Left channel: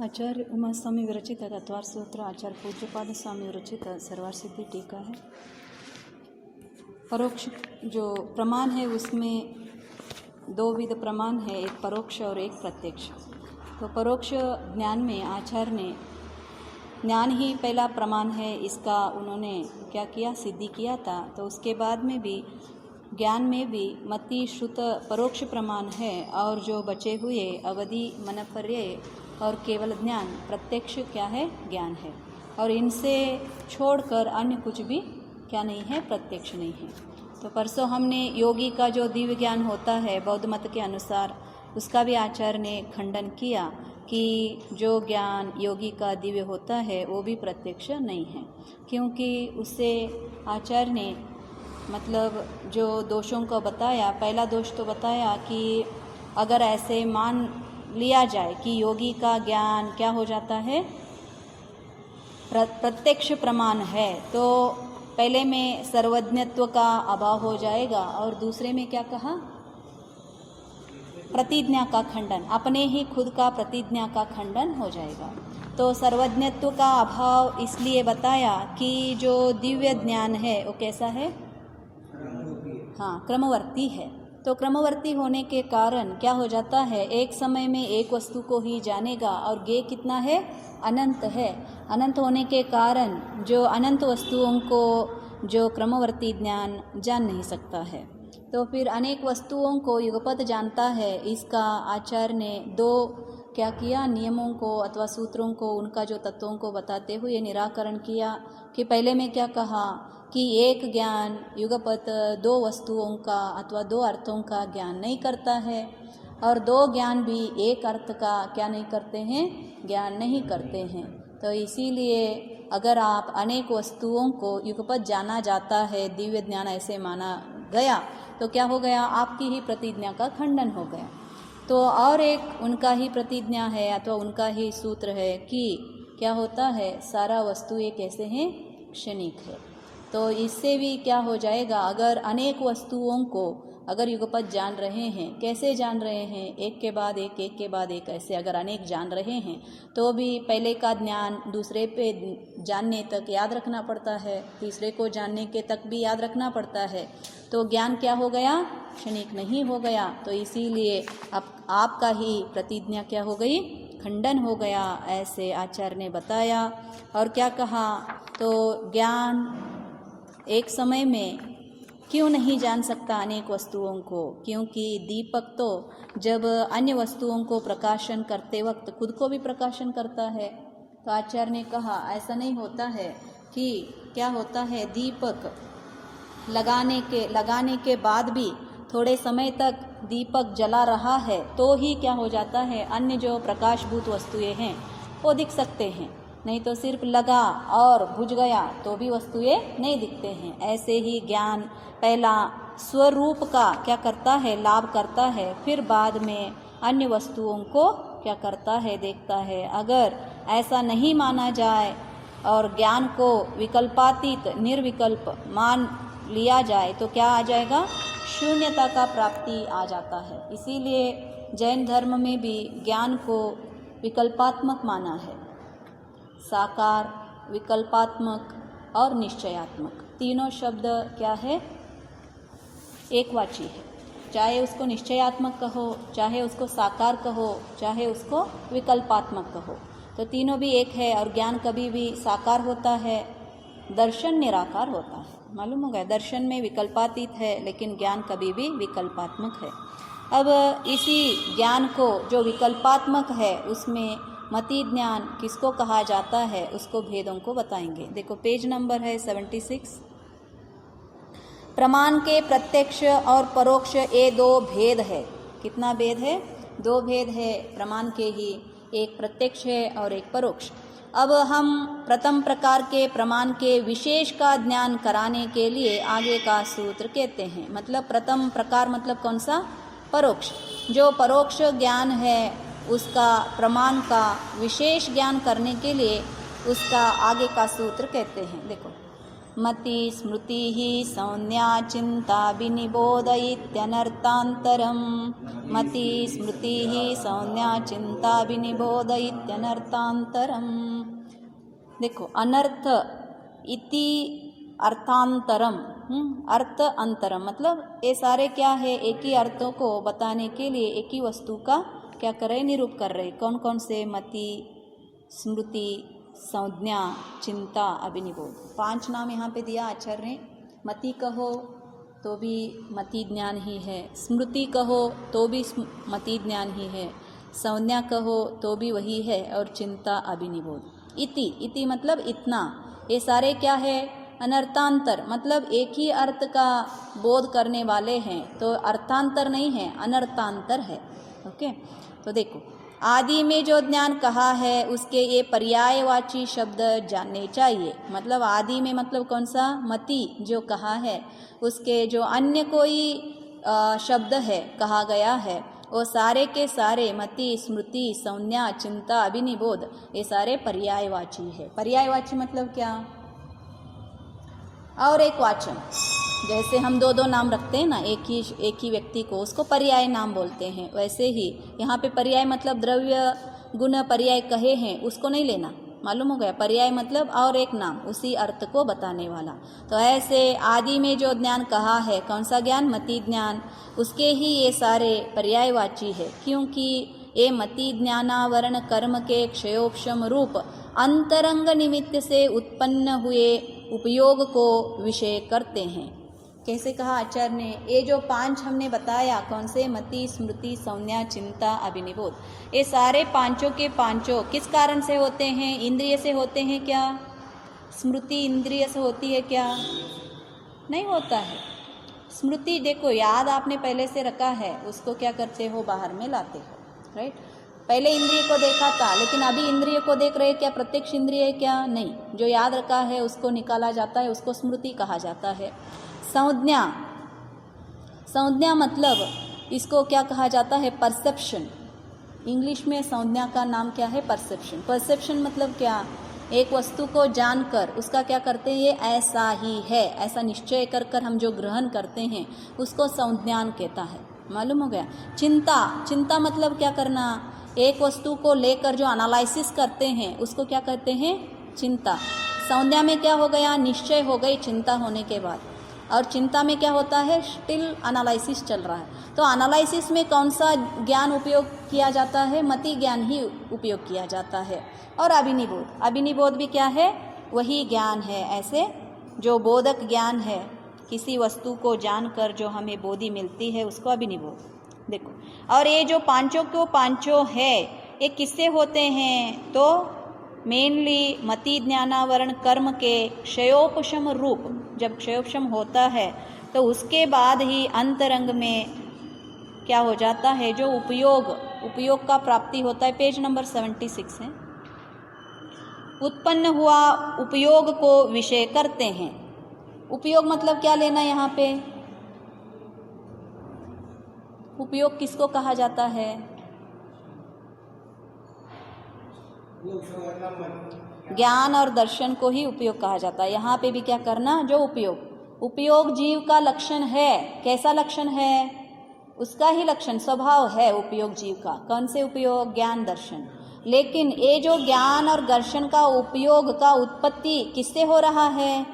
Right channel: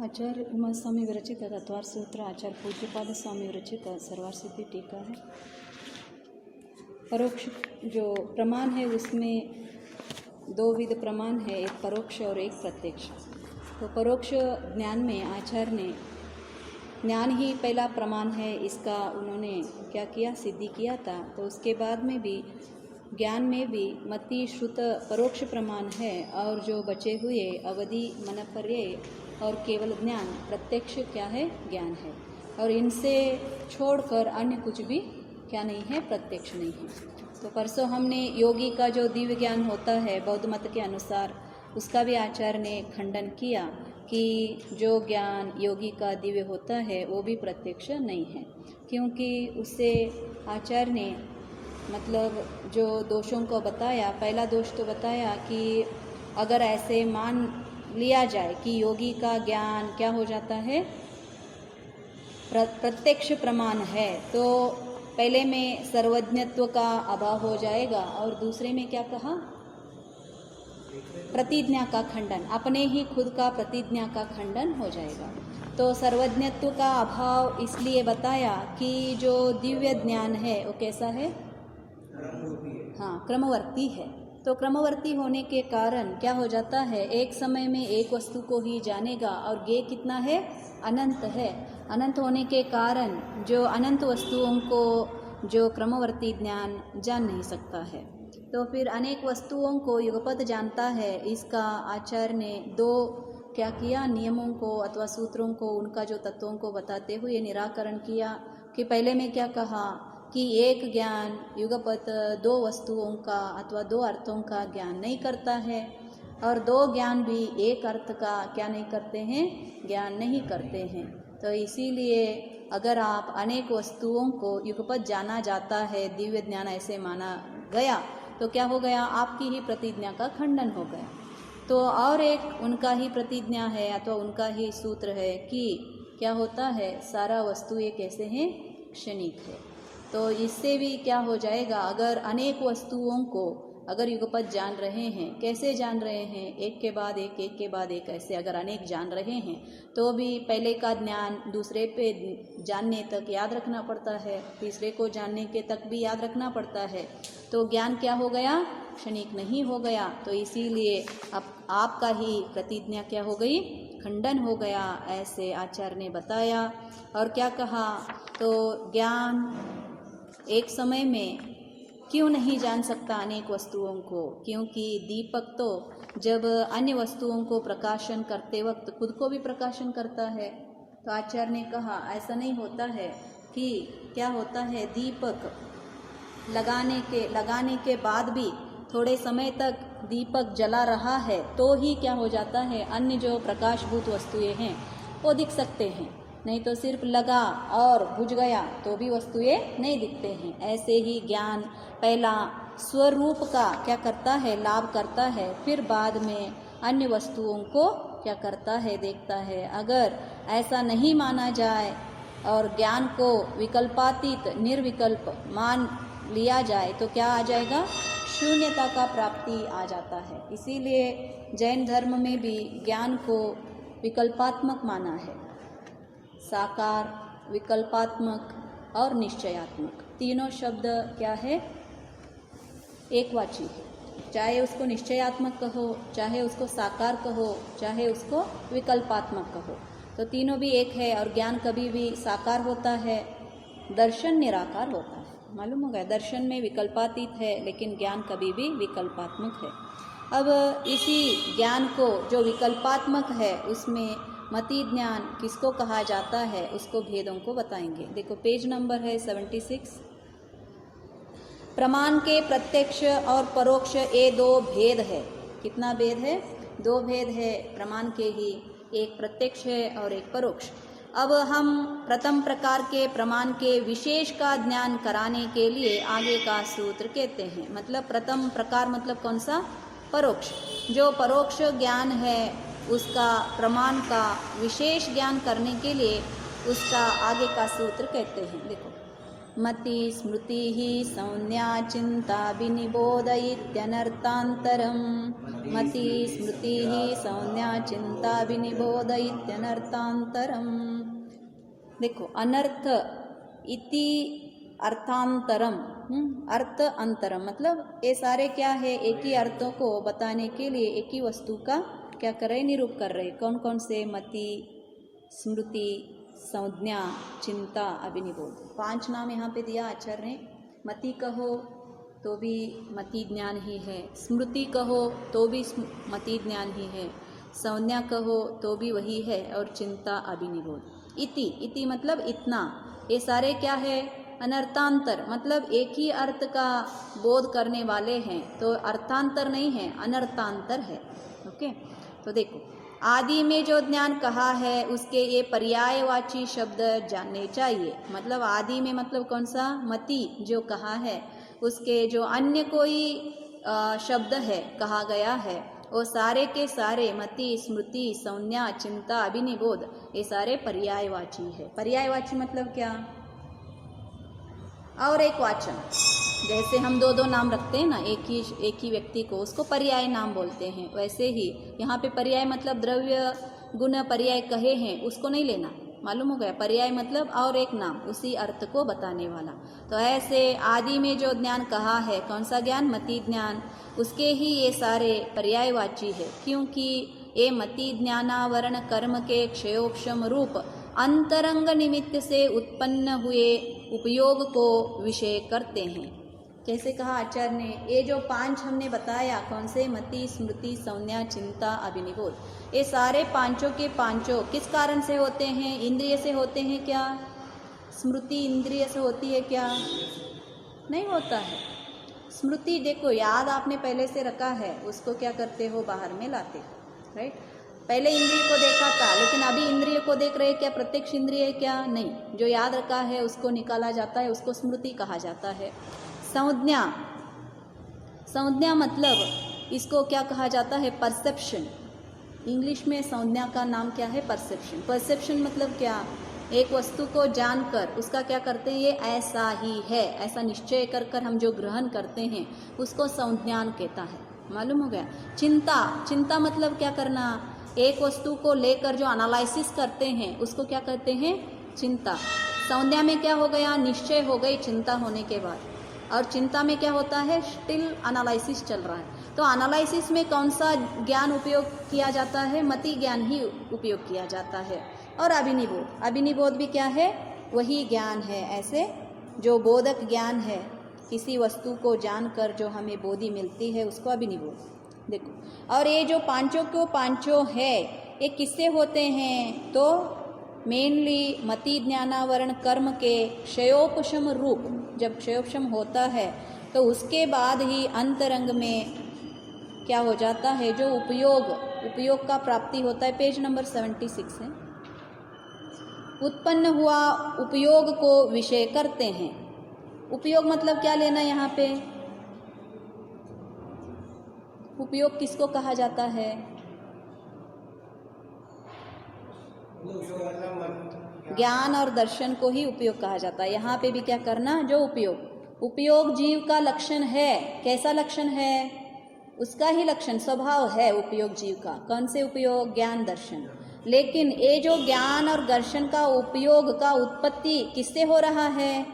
आचार्य उमा स्वामी विरचित तत्वार सूत्र आचार्य पूज्यपाद स्वामी विरचित सर्वासिद्धि टीका है। परोक्ष जो प्रमाण है उसमें दो विध प्रमाण है, एक परोक्ष और एक प्रत्यक्ष। तो परोक्ष ज्ञान में आचार्य ने ज्ञान ही पहला प्रमाण है, इसका उन्होंने क्या किया, सिद्धि किया था। तो उसके बाद में भी ज्ञान में भी मति श्रुत परोक्ष प्रमाण है, और जो बचे हुए अवधि मनपर्य और केवल ज्ञान प्रत्यक्ष क्या है, ज्ञान है। और इनसे छोड़कर अन्य कुछ भी क्या नहीं है, प्रत्यक्ष नहीं है। तो परसों हमने योगी का जो दिव्य ज्ञान होता है बौद्ध मत के अनुसार, उसका भी आचार्य ने खंडन किया कि जो ज्ञान योगी का दिव्य होता है वो भी प्रत्यक्ष नहीं है, क्योंकि उससे आचार्य ने मतलब जो दोषों को बताया, पहला दोष तो बताया कि अगर ऐसे मान लिया जाए कि योगी का ज्ञान क्या हो जाता है, प्रत्यक्ष प्रमाण है, तो पहले में सर्वज्ञत्व का अभाव हो जाएगा, और दूसरे में क्या कहा, प्रतिज्ञा का खंडन, अपने ही खुद का प्रतिज्ञा का खंडन हो जाएगा। तो सर्वज्ञत्व का अभाव इसलिए बताया कि जो दिव्य ज्ञान है वो कैसा है, हाँ, क्रमवर्ती है। तो क्रमवर्ती होने के कारण क्या हो जाता है, एक समय में एक वस्तु को ही जानेगा, और ज्ञेय कितना है, अनंत है। अनंत होने के कारण जो अनंत वस्तुओं को जो क्रमवर्ती ज्ञान जान नहीं सकता है, तो फिर अनेक वस्तुओं को युगपत जानता है। इसका आचार्य ने दो क्या किया, नियमों को अथवा सूत्रों को, उनका जो तत्वों को बताते हुए निराकरण किया। कि पहले में क्या कहा कि एक ज्ञान युगपत दो वस्तुओं का अथवा दो अर्थों का ज्ञान नहीं करता है, और दो ज्ञान भी एक अर्थ का क्या नहीं करते हैं, ज्ञान नहीं करते हैं। तो इसीलिए अगर आप अनेक वस्तुओं को युगपत जाना जाता है, दिव्य ज्ञान ऐसे माना गया, तो क्या हो गया, आपकी ही प्रतिज्ञा का खंडन हो गया। तो और एक उनका ही प्रतिज्ञा है अथवा उनका ही सूत्र है कि क्या होता है, सारा वस्तुएं कैसे हैं, क्षणिक है। तो इससे भी क्या हो जाएगा, अगर अनेक वस्तुओं को अगर युगपत जान रहे हैं, कैसे जान रहे हैं, एक के बाद एक, एक के बाद एक, ऐसे अगर अनेक जान रहे हैं, तो भी पहले का ज्ञान दूसरे पे जानने तक याद रखना पड़ता है, तीसरे को जानने के तक भी याद रखना पड़ता है। तो ज्ञान क्या हो गया, क्षणिक नहीं हो गया। तो इसीलिए अब आपका ही प्रतिज्ञा क्या हो गई, खंडन हो गया, ऐसे आचार्य ने बताया। और क्या कहा, तो ज्ञान एक समय में क्यों नहीं जान सकता अनेक वस्तुओं को, क्योंकि दीपक तो जब अन्य वस्तुओं को प्रकाशन करते वक्त खुद को भी प्रकाशन करता है। तो आचार्य ने कहा ऐसा नहीं होता है कि क्या होता है, दीपक लगाने के बाद भी थोड़े समय तक दीपक जला रहा है तो ही क्या हो जाता है, अन्य जो प्रकाशभूत वस्तुएं हैं वो दिख सकते हैं, नहीं तो सिर्फ लगा और बुझ गया तो भी वस्तुएं नहीं दिखते हैं। ऐसे ही ज्ञान पहला स्वरूप का क्या करता है, लाभ करता है, फिर बाद में अन्य वस्तुओं को क्या करता है, देखता है। अगर ऐसा नहीं माना जाए और ज्ञान को विकल्पातीत निर्विकल्प मान लिया जाए तो क्या आ जाएगा, शून्यता का प्राप्ति आ जाता है। इसीलिए जैन धर्म में भी ज्ञान को विकल्पात्मक माना है, साकार, विकल्पात्मक और निश्चयात्मक, तीनों शब्द क्या है, एकवाची है। चाहे उसको निश्चयात्मक कहो, चाहे उसको साकार कहो, चाहे उसको विकल्पात्मक कहो, तो तीनों भी एक है। और ज्ञान कभी भी साकार होता है, दर्शन निराकार होता है, मालूम होगा। दर्शन में विकल्पातीत है, लेकिन ज्ञान कभी भी विकल्पात्मक है। अब इसी ज्ञान को जो विकल्पात्मक है उसमें मति ज्ञान किसको कहा जाता है, उसको भेदों को बताएंगे। देखो पेज नंबर है 76। प्रमाण के प्रत्यक्ष और परोक्ष ये दो भेद है। कितना भेद है, दो भेद है प्रमाण के ही, एक प्रत्यक्ष है और एक परोक्ष। अब हम प्रथम प्रकार के प्रमाण के विशेष का ज्ञान कराने के लिए आगे का सूत्र कहते हैं। मतलब प्रथम प्रकार मतलब कौन सा, परोक्ष। जो परोक्ष ज्ञान है उसका प्रमाण का विशेष ज्ञान करने के लिए उसका आगे का सूत्र कहते हैं। देखो, मति स्मृति ही संज्ञा चिंता विनिबोध इत्यनर्थांतरम। मति स्मृति ही संज्ञा चिंता विनिबोध इत्यनर्थांतरम। देखो, अनर्थ इति अर्थांतरम, अर्थ अंतरम, मतलब ये सारे क्या है, एक ही अर्थों को बताने के लिए एक ही वस्तु का क्या कर रहे, निरूप कर रहे। कौन कौन से? मति, स्मृति, संज्ञा, चिंता, अभिनिबोध। 5 नाम यहाँ पे दिया आचार्य ने। मति कहो तो भी मति ज्ञान ही है, स्मृति कहो तो भी मति ज्ञान ही है, संज्ञा कहो तो भी वही है, और चिंता, अभिनिबोध। इति मतलब इतना, ये सारे क्या है? अनर्थांतर, मतलब एक ही अर्थ का बोध करने वाले हैं, तो अर्थांतर नहीं है, अनर्थांतर है। ओके, तो देखो, आदि में जो ज्ञान कहा है उसके ये पर्यायवाची शब्द जानने चाहिए। मतलब आदि में मतलब कौन सा? मति जो कहा है, उसके जो अन्य कोई शब्द है कहा गया है, वो सारे के सारे मति, स्मृति, संज्ञा, चिंता, अभिनिबोध, ये सारे पर्यायवाची है। पर्यायवाची मतलब क्या? और एक वाचन, जैसे हम 2 नाम रखते हैं ना एक ही व्यक्ति को, उसको पर्याय नाम बोलते हैं। वैसे ही यहाँ पे पर्याय मतलब द्रव्य गुण पर्याय कहे हैं, उसको नहीं लेना, मालूम हो गया? पर्याय मतलब और एक नाम, उसी अर्थ को बताने वाला। तो ऐसे आदि में जो ज्ञान कहा है, कौन सा ज्ञान? मति ज्ञान, उसके ही ये सारे पर्यायवाची है, क्योंकि ये मति ज्ञानावरण कर्म के क्षयोपशम रूप अंतरंग निमित्त से उत्पन्न हुए उपयोग को विषय करते हैं। कैसे कहा आचार्य ने? ये जो 5 हमने बताया, कौन से? मति, स्मृति, संज्ञा, चिंता, अभिनिबोध, ये सारे पांचों के पांचों किस कारण से होते हैं? इंद्रिय से होते हैं क्या? स्मृति इंद्रिय से होती है क्या? नहीं होता है। स्मृति देखो, याद आपने पहले से रखा है, उसको क्या करते हो? बाहर में लाते हो, राइट? पहले इंद्रिय को देखा था, लेकिन अभी इंद्रिय को देख रहे क्या? प्रत्यक्ष इंद्रिय है क्या? नहीं। जो याद रखा है उसको निकाला जाता है, उसको स्मृति कहा जाता है। संज्ञा, संज्ञा मतलब इसको क्या कहा जाता है? परसेप्शन। इंग्लिश में संज्ञा का नाम क्या है? परसेप्शन। परसेप्शन मतलब क्या? एक वस्तु को जानकर उसका क्या करते हैं? ये ऐसा ही है, ऐसा निश्चय कर कर हम जो ग्रहण करते हैं उसको संज्ञान कहता है। मालूम हो गया? चिंता, चिंता मतलब क्या करना? एक वस्तु को लेकर जो एनालिसिस करते हैं उसको क्या कहते हैं? चिंता। संज्ञा में क्या हो गया? निश्चय हो गई चिंता होने के बाद। और चिंता में क्या होता है? स्टिल एनालिसिस चल रहा है। तो एनालिसिस में कौन सा ज्ञान उपयोग किया जाता है? मति ज्ञान ही उपयोग किया जाता है। और अभिनिबोध, अभिनिबोध भी क्या है? वही ज्ञान है, ऐसे जो बोधक ज्ञान है, किसी वस्तु को जानकर जो हमें बोधि मिलती है उसको अभिनिबोध। देखो, और ये जो पांचों को पांचों है, ये किससे होते हैं? तो मेनली मति ज्ञानावरण कर्म के क्षयोपशम रूप, जब क्षयोपशम होता है तो उसके बाद ही अंतरंग में क्या हो जाता है? जो उपयोग का प्राप्ति होता है। पेज नंबर 76 है। उत्पन्न हुआ उपयोग को विषय करते हैं। उपयोग मतलब क्या लेना यहाँ पे? उपयोग किसको कहा जाता है? ज्ञान और दर्शन को ही उपयोग कहा जाता है। यहाँ पे भी क्या करना? जो उपयोग जीव का लक्षण है। कैसा लक्षण है? उसका ही लक्षण, स्वभाव है उपयोग जीव का। कौन से उपयोग? ज्ञान, दर्शन। लेकिन ये जो ज्ञान और दर्शन का उपयोग का उत्पत्ति किससे हो रहा है?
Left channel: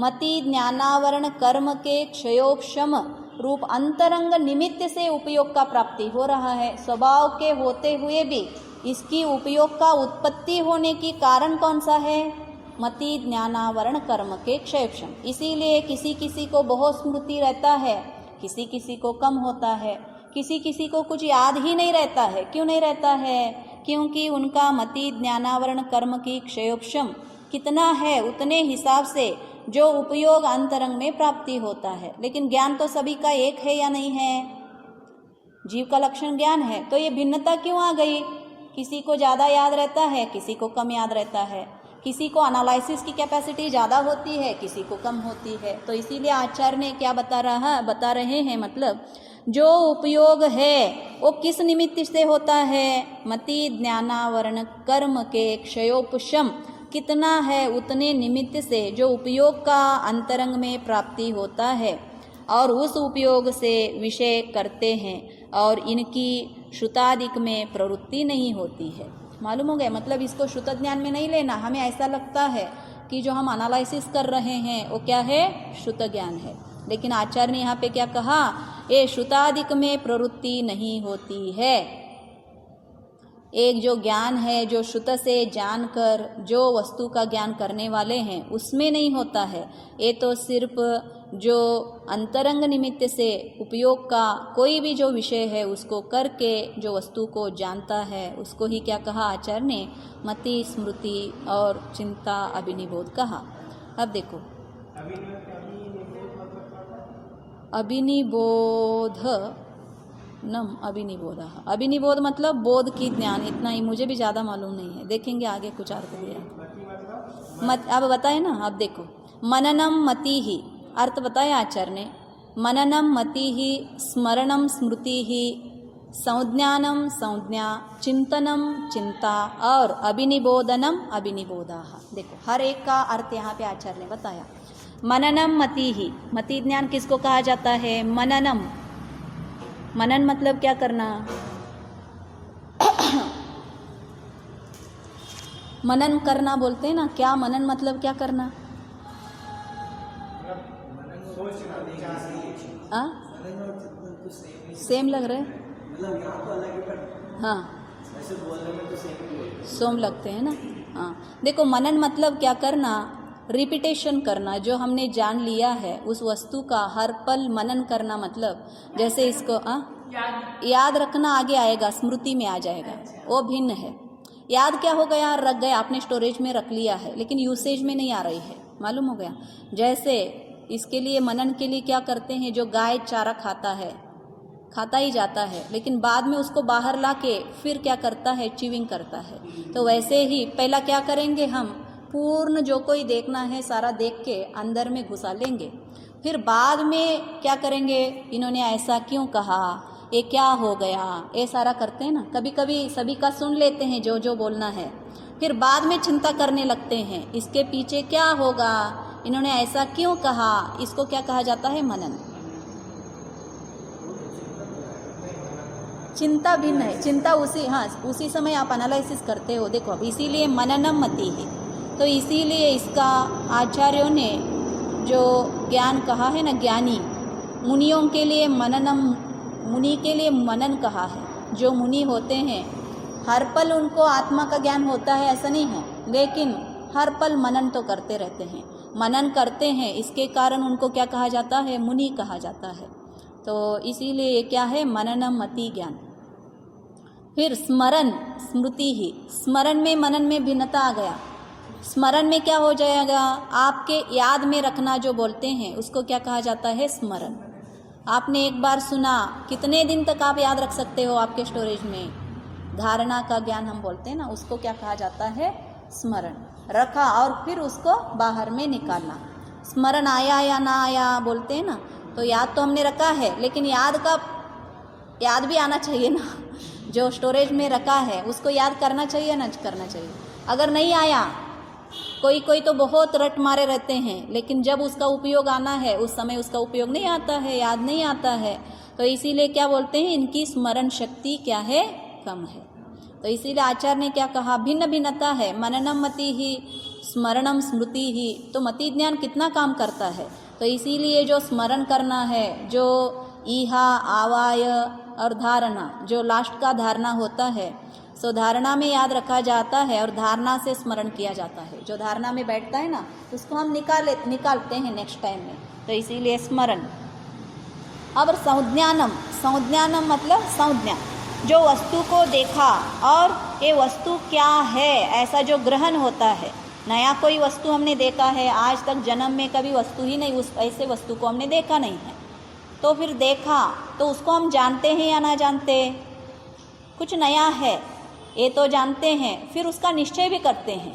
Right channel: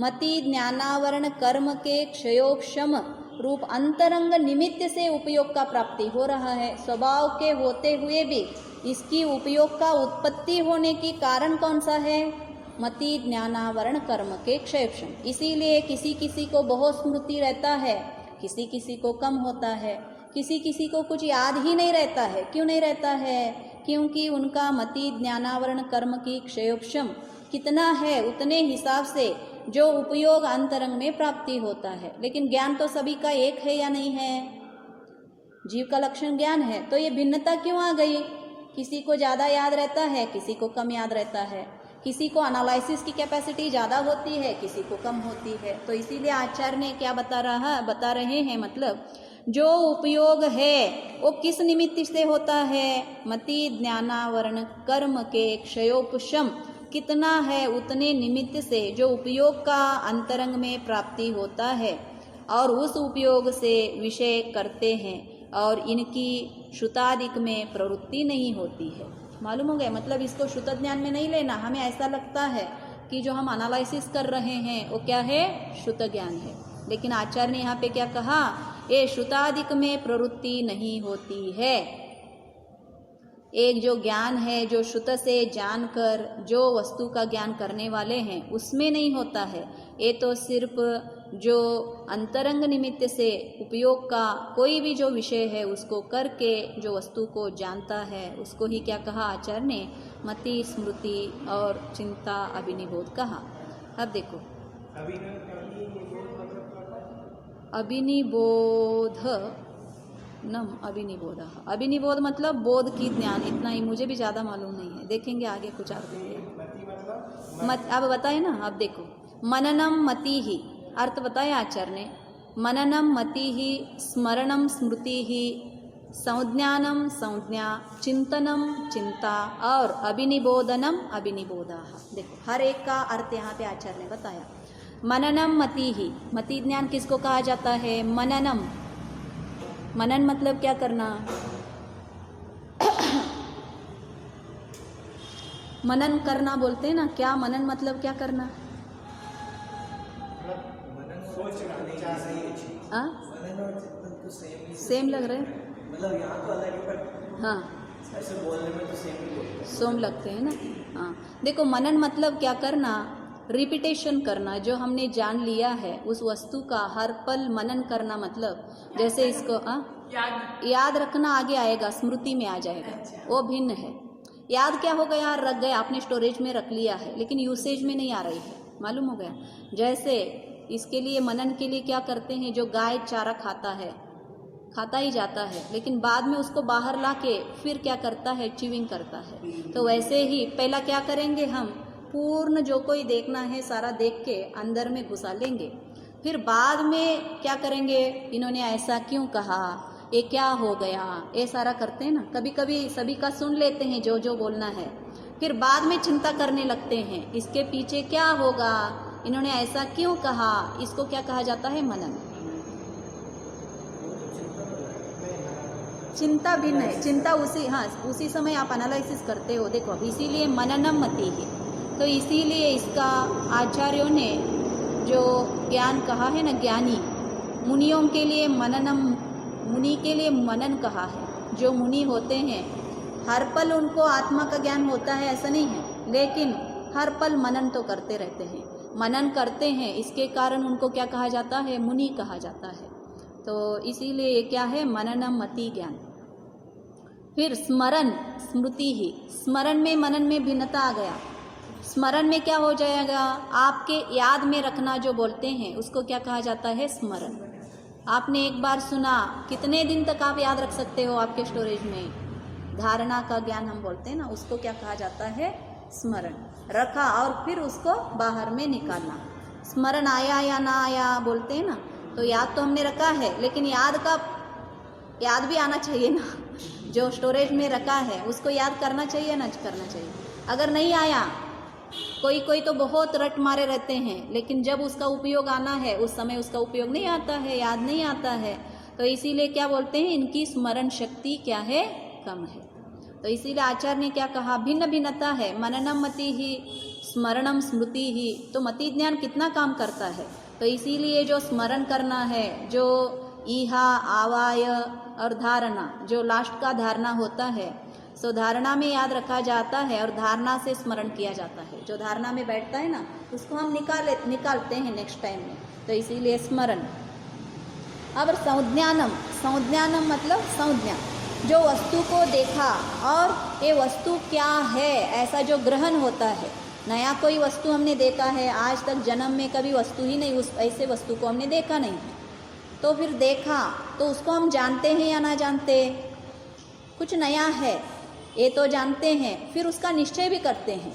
मति ज्ञानावरण कर्म के क्षयोपशम रूप अंतरंग निमित्त से उपयोग का प्राप्ति हो रहा है। स्वभाव के होते हुए भी इसकी उपयोग का उत्पत्ति होने की कारण कौन सा है? मति ज्ञानावरण कर्म के क्षयोपशम। इसीलिए किसी किसी को बहुत स्मृति रहता है, किसी किसी को कम होता है, किसी किसी को कुछ याद ही नहीं रहता है। क्यों नहीं रहता है? क्योंकि उनका मति ज्ञानावरण कर्म की क्षयोपशम कितना है, उतने हिसाब से जो उपयोग अंतरंग में प्राप्ति होता है। लेकिन ज्ञान तो सभी का एक है या नहीं है? जीव का लक्षण ज्ञान है, तो ये भिन्नता क्यों आ गई? किसी को ज़्यादा याद रहता है, किसी को कम याद रहता है। किसी को एनालिसिस की कैपेसिटी ज़्यादा होती है, किसी को कम होती है। तो इसीलिए आचार्य ने क्या बता रहे हैं, मतलब जो उपयोग है वो किस निमित्त से होता है? मति ज्ञानावरण कर्म के क्षयोपशम कितना है उतने निमित्त से जो उपयोग का अंतरंग में प्राप्ति होता है और उस उपयोग से विषय करते हैं और इनकी श्रुतादिक में प्रवृत्ति नहीं होती है। मालूम हो गया? मतलब इसको श्रुत ज्ञान में नहीं लेना। हमें ऐसा लगता है कि जो हम एनालिसिस कर रहे हैं वो क्या है? श्रुत ज्ञान है। लेकिन आचार्य ने यहाँ पे क्या कहा? ये श्रुतादिक में प्रवृत्ति नहीं होती है। एक जो ज्ञान है जो श्रुत से जानकर जो वस्तु का ज्ञान करने वाले हैं उसमें नहीं होता है। ये तो सिर्फ जो अंतरंग निमित्त से उपयोग का कोई भी जो विषय है उसको करके जो वस्तु को जानता है उसको ही क्या कहा आचार्य ने? मति, स्मृति और चिंता, अभिनिबोध कहा। अब देखो अभिनिबोध नम अभिनिबोध। अभिनिबोध मतलब बोध की ज्ञान, इतना ही, मुझे भी ज़्यादा मालूम नहीं है, देखेंगे आगे कुछ अर्थ है। मत अब बताए ना। अब देखो मननम मति ही अर्थ बताया आचार्य ने। मननम मति ही, स्मरणम स्मृति ही, संज्ञानम संज्ञा, चिंतनम चिंता और अभिनिबोधनम अभिनिबोधा। देखो हर एक का अर्थ यहाँ पे आचार्य ने बताया। मननम मति ही, मति ज्ञान किसको कहा जाता है? मननम। मनन मतलब क्या करना? मनन करना बोलते हैं ना, क्या मनन मतलब क्या करना? सेम लग रहा है? हाँ सोम लगते हैं ना। हाँ देखो मनन मतलब क्या करना? रिपीटेशन करना। जो हमने जान लिया है उस वस्तु का हर पल मनन करना, मतलब जैसे इसको याद रखना आगे आएगा, स्मृति में आ जाएगा, वो भिन्न है। याद क्या हो गया? रख गया, आपने स्टोरेज में रख लिया है लेकिन यूसेज में नहीं आ रही है। मालूम हो गया? जैसे इसके लिए मनन के लिए क्या करते हैं? जो गाय चारा खाता ही जाता है लेकिन बाद में उसको बाहर ला के फिर क्या करता है? च्यूइंग करता है। तो वैसे ही पहला क्या करेंगे? हम पूर्ण जो कोई देखना है सारा देख के अंदर में घुसा लेंगे, फिर बाद में क्या करेंगे? इन्होंने ऐसा क्यों कहा, ये क्या हो गया, ये सारा करते हैं ना। कभी कभी सभी का सुन लेते हैं जो जो बोलना है, फिर बाद में चिंता करने लगते हैं इसके पीछे क्या होगा, इन्होंने ऐसा क्यों कहा। इसको क्या कहा जाता है? मनन। चिंता भिन्न है। चिंता उसी समय आप एनालिसिस करते हो। देखो इसीलिए मननम मति है। तो इसीलिए इसका आचार्यों ने जो ज्ञान कहा है ना, ज्ञानी मुनियों के लिए मननम, मुनि के लिए मनन कहा है। जो मुनि होते हैं हर पल उनको आत्मा का ज्ञान होता है ऐसा नहीं है, लेकिन हर पल मनन तो करते रहते हैं। मनन करते हैं इसके कारण उनको क्या कहा जाता है? मुनि कहा जाता है। तो इसीलिए ये क्या है? मननम मति ज्ञान। फिर स्मरण स्मृति ही। स्मरण में मनन में भिन्नता आ गया। स्मरण में क्या हो जाएगा? आपके याद में रखना जो बोलते हैं उसको क्या कहा जाता है? स्मरण। आपने एक बार सुना, कितने दिन तक आप याद रख सकते हो आपके स्टोरेज में? धारणा का ज्ञान हम बोलते हैं ना, उसको क्या कहा जाता है? स्मरण। रखा और फिर उसको बाहर में निकालना। स्मरण आया या ना आया बोलते हैं ना, तो याद तो हमने रखा है लेकिन याद भी आना चाहिए ना। जो स्टोरेज में रखा है उसको याद करना चाहिए ना, करना चाहिए। अगर नहीं आया, कोई तो बहुत रट मारे रहते हैं लेकिन जब उसका उपयोग आना है उस समय उसका उपयोग नहीं आता है, याद नहीं आता है। तो इसीलिए क्या बोलते हैं? इनकी स्मरण शक्ति क्या है? कम है। तो इसीलिए आचार्य ने क्या कहा? भिन्न भिन्नता है। मननम मति ही, स्मरणम स्मृति ही। तो मति ज्ञान कितना काम करता है? तो इसीलिए जो स्मरण करना है, जो ईहा, आवाय और धारणा, जो लास्ट का धारणा होता है, सो धारणा में याद रखा जाता है और धारणा से स्मरण किया जाता है। जो धारणा में बैठता है ना उसको हम निकालते हैं नेक्स्ट टाइम में। तो इसीलिए स्मरण। अब संज्ञानम मतलब संज्ञा, जो वस्तु को देखा और ये वस्तु क्या है ऐसा जो ग्रहण होता है। नया कोई वस्तु हमने देखा है, आज तक जन्म में कभी वस्तु ही नहीं, उस ऐसे वस्तु को हमने देखा नहीं है, तो फिर देखा तो उसको हम जानते हैं या ना जानते? कुछ नया है ये तो जानते हैं, फिर उसका निश्चय भी करते हैं,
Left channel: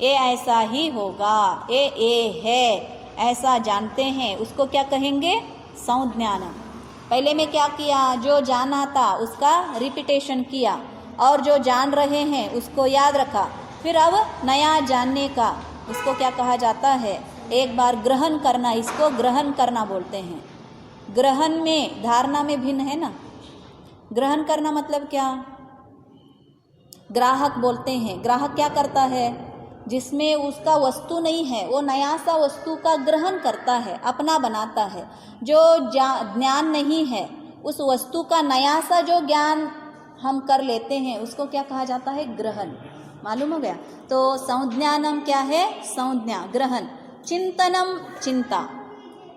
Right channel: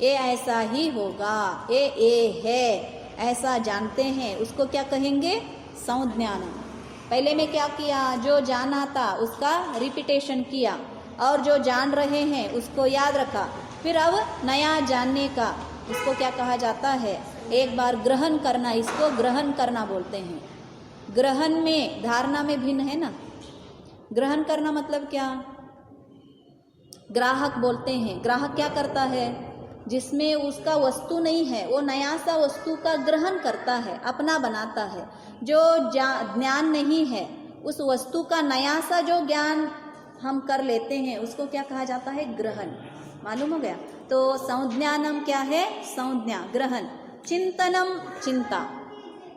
ये ऐसा ही होगा, ये है ऐसा जानते हैं, उसको क्या कहेंगे? संज्ञानम। पहले में क्या किया? जो जाना था उसका रिपीटेशन किया और जो जान रहे हैं उसको याद रखा, फिर अब नया जानने का, इसको क्या कहा जाता है, एक बार ग्रहण करना, इसको ग्रहण करना बोलते हैं। ग्रहण में धारणा में भिन्न है ना। ग्रहण करना मतलब क्या, ग्राहक बोलते हैं। ग्राहक क्या करता है, जिसमें उसका वस्तु नहीं है वो नया सा वस्तु का ग्रहण करता है, अपना बनाता है। जो ज्ञान नहीं है उस वस्तु का नया सा जो ज्ञान हम कर लेते हैं उसको क्या कहा जाता है, ग्रहण। मालूम हो गया। तो संज्ञानम क्या है, संज्ञा, ग्रहण। चिंतनम, चिंता।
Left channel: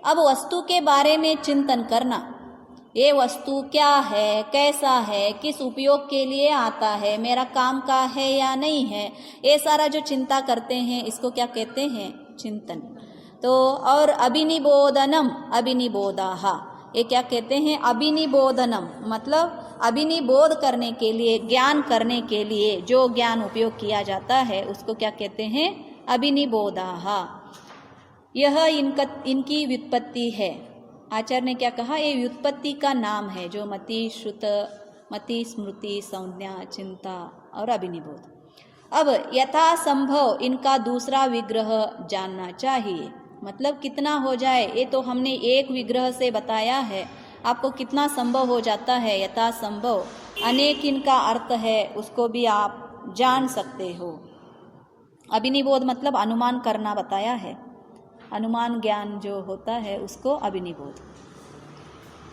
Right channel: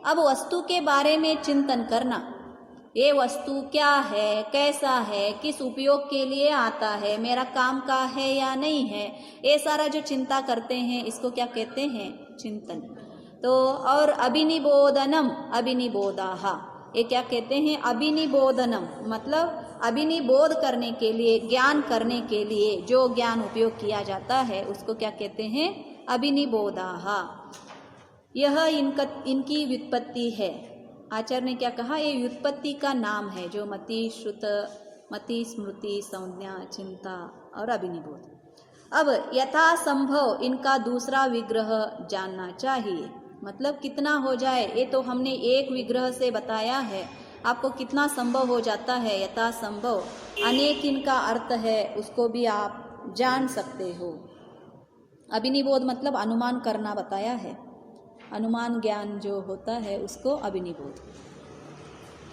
अब वस्तु के बारे में चिंतन करना, ये वस्तु क्या है, कैसा है, किस उपयोग के लिए आता है, मेरा काम का है या नहीं है, ये सारा जो चिंता करते हैं इसको क्या कहते हैं, चिंतन। तो और अभिनिबोधनम, अभिनिबोधाहा, ये क्या कहते हैं, अभिनिबोधनम, मतलब अभिनिबोध करने के लिए, ज्ञान करने के लिए जो ज्ञान उपयोग किया जाता है उसको क्या कहते हैं, अभिनिबोधाहा। यह इनकी व्युत्पत्ति है। आचार्य ने क्या कहा, ये व्युत्पत्ति का नाम है, जो मति, श्रुत, मति, स्मृति, संज्ञा, चिंता और अभिनिबोध। अब यथासंभव इनका दूसरा विग्रह जानना चाहिए। मतलब कितना हो जाए, ये तो हमने एक विग्रह से बताया है, आपको कितना संभव हो जाता है, यथासंभव अनेक इनका अर्थ है, उसको भी आप जान सकते हो। अभिनिबोध मतलब अनुमान करना बताया है, अनुमान ज्ञान जो होता है उसको अभिनिबोध।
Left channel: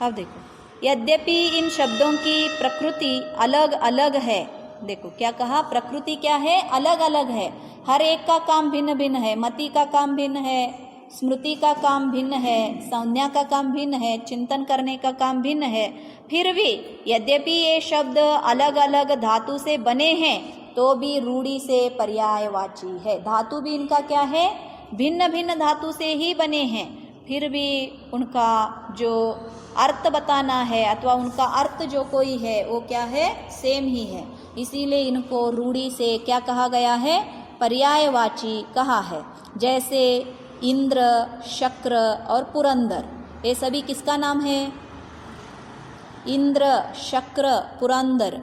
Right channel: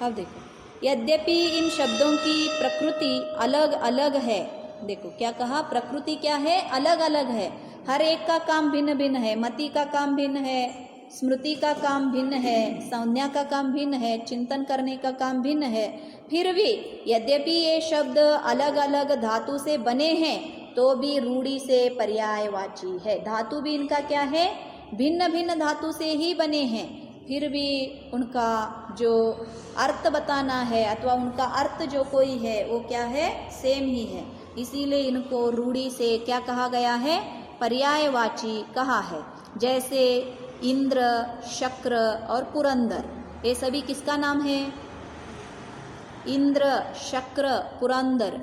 अब देखो, यद्यपि इन शब्दों की प्रकृति अलग अलग है, देखो क्या कहा, प्रकृति क्या है, अलग अलग है, हर एक का काम भिन्न भिन्न है। मति का काम भिन्न है, स्मृति का काम भिन्न है, संज्ञा का काम भिन्न है, चिंतन करने का काम भिन्न है। फिर भी यद्यपि ये शब्द अलग अलग धातु से बने हैं तो भी रूढ़ी से पर्यायवाची है। धातु भी इनका क्या है, भिन्न भिन्न धातु से ही बने हैं, फिर भी उनका जो अर्थ बताना है अथवा उनका अर्थ जो कोई है वो क्या है, सेम ही है। इसीलिए इनको रूढ़ी से क्या कहा गया है, पर्यायवाची कहा है। जैसे इंद्र, शक्र और पुरंदर, ये सभी किसका नाम है, इंद्र, शक्र, पुरंदर,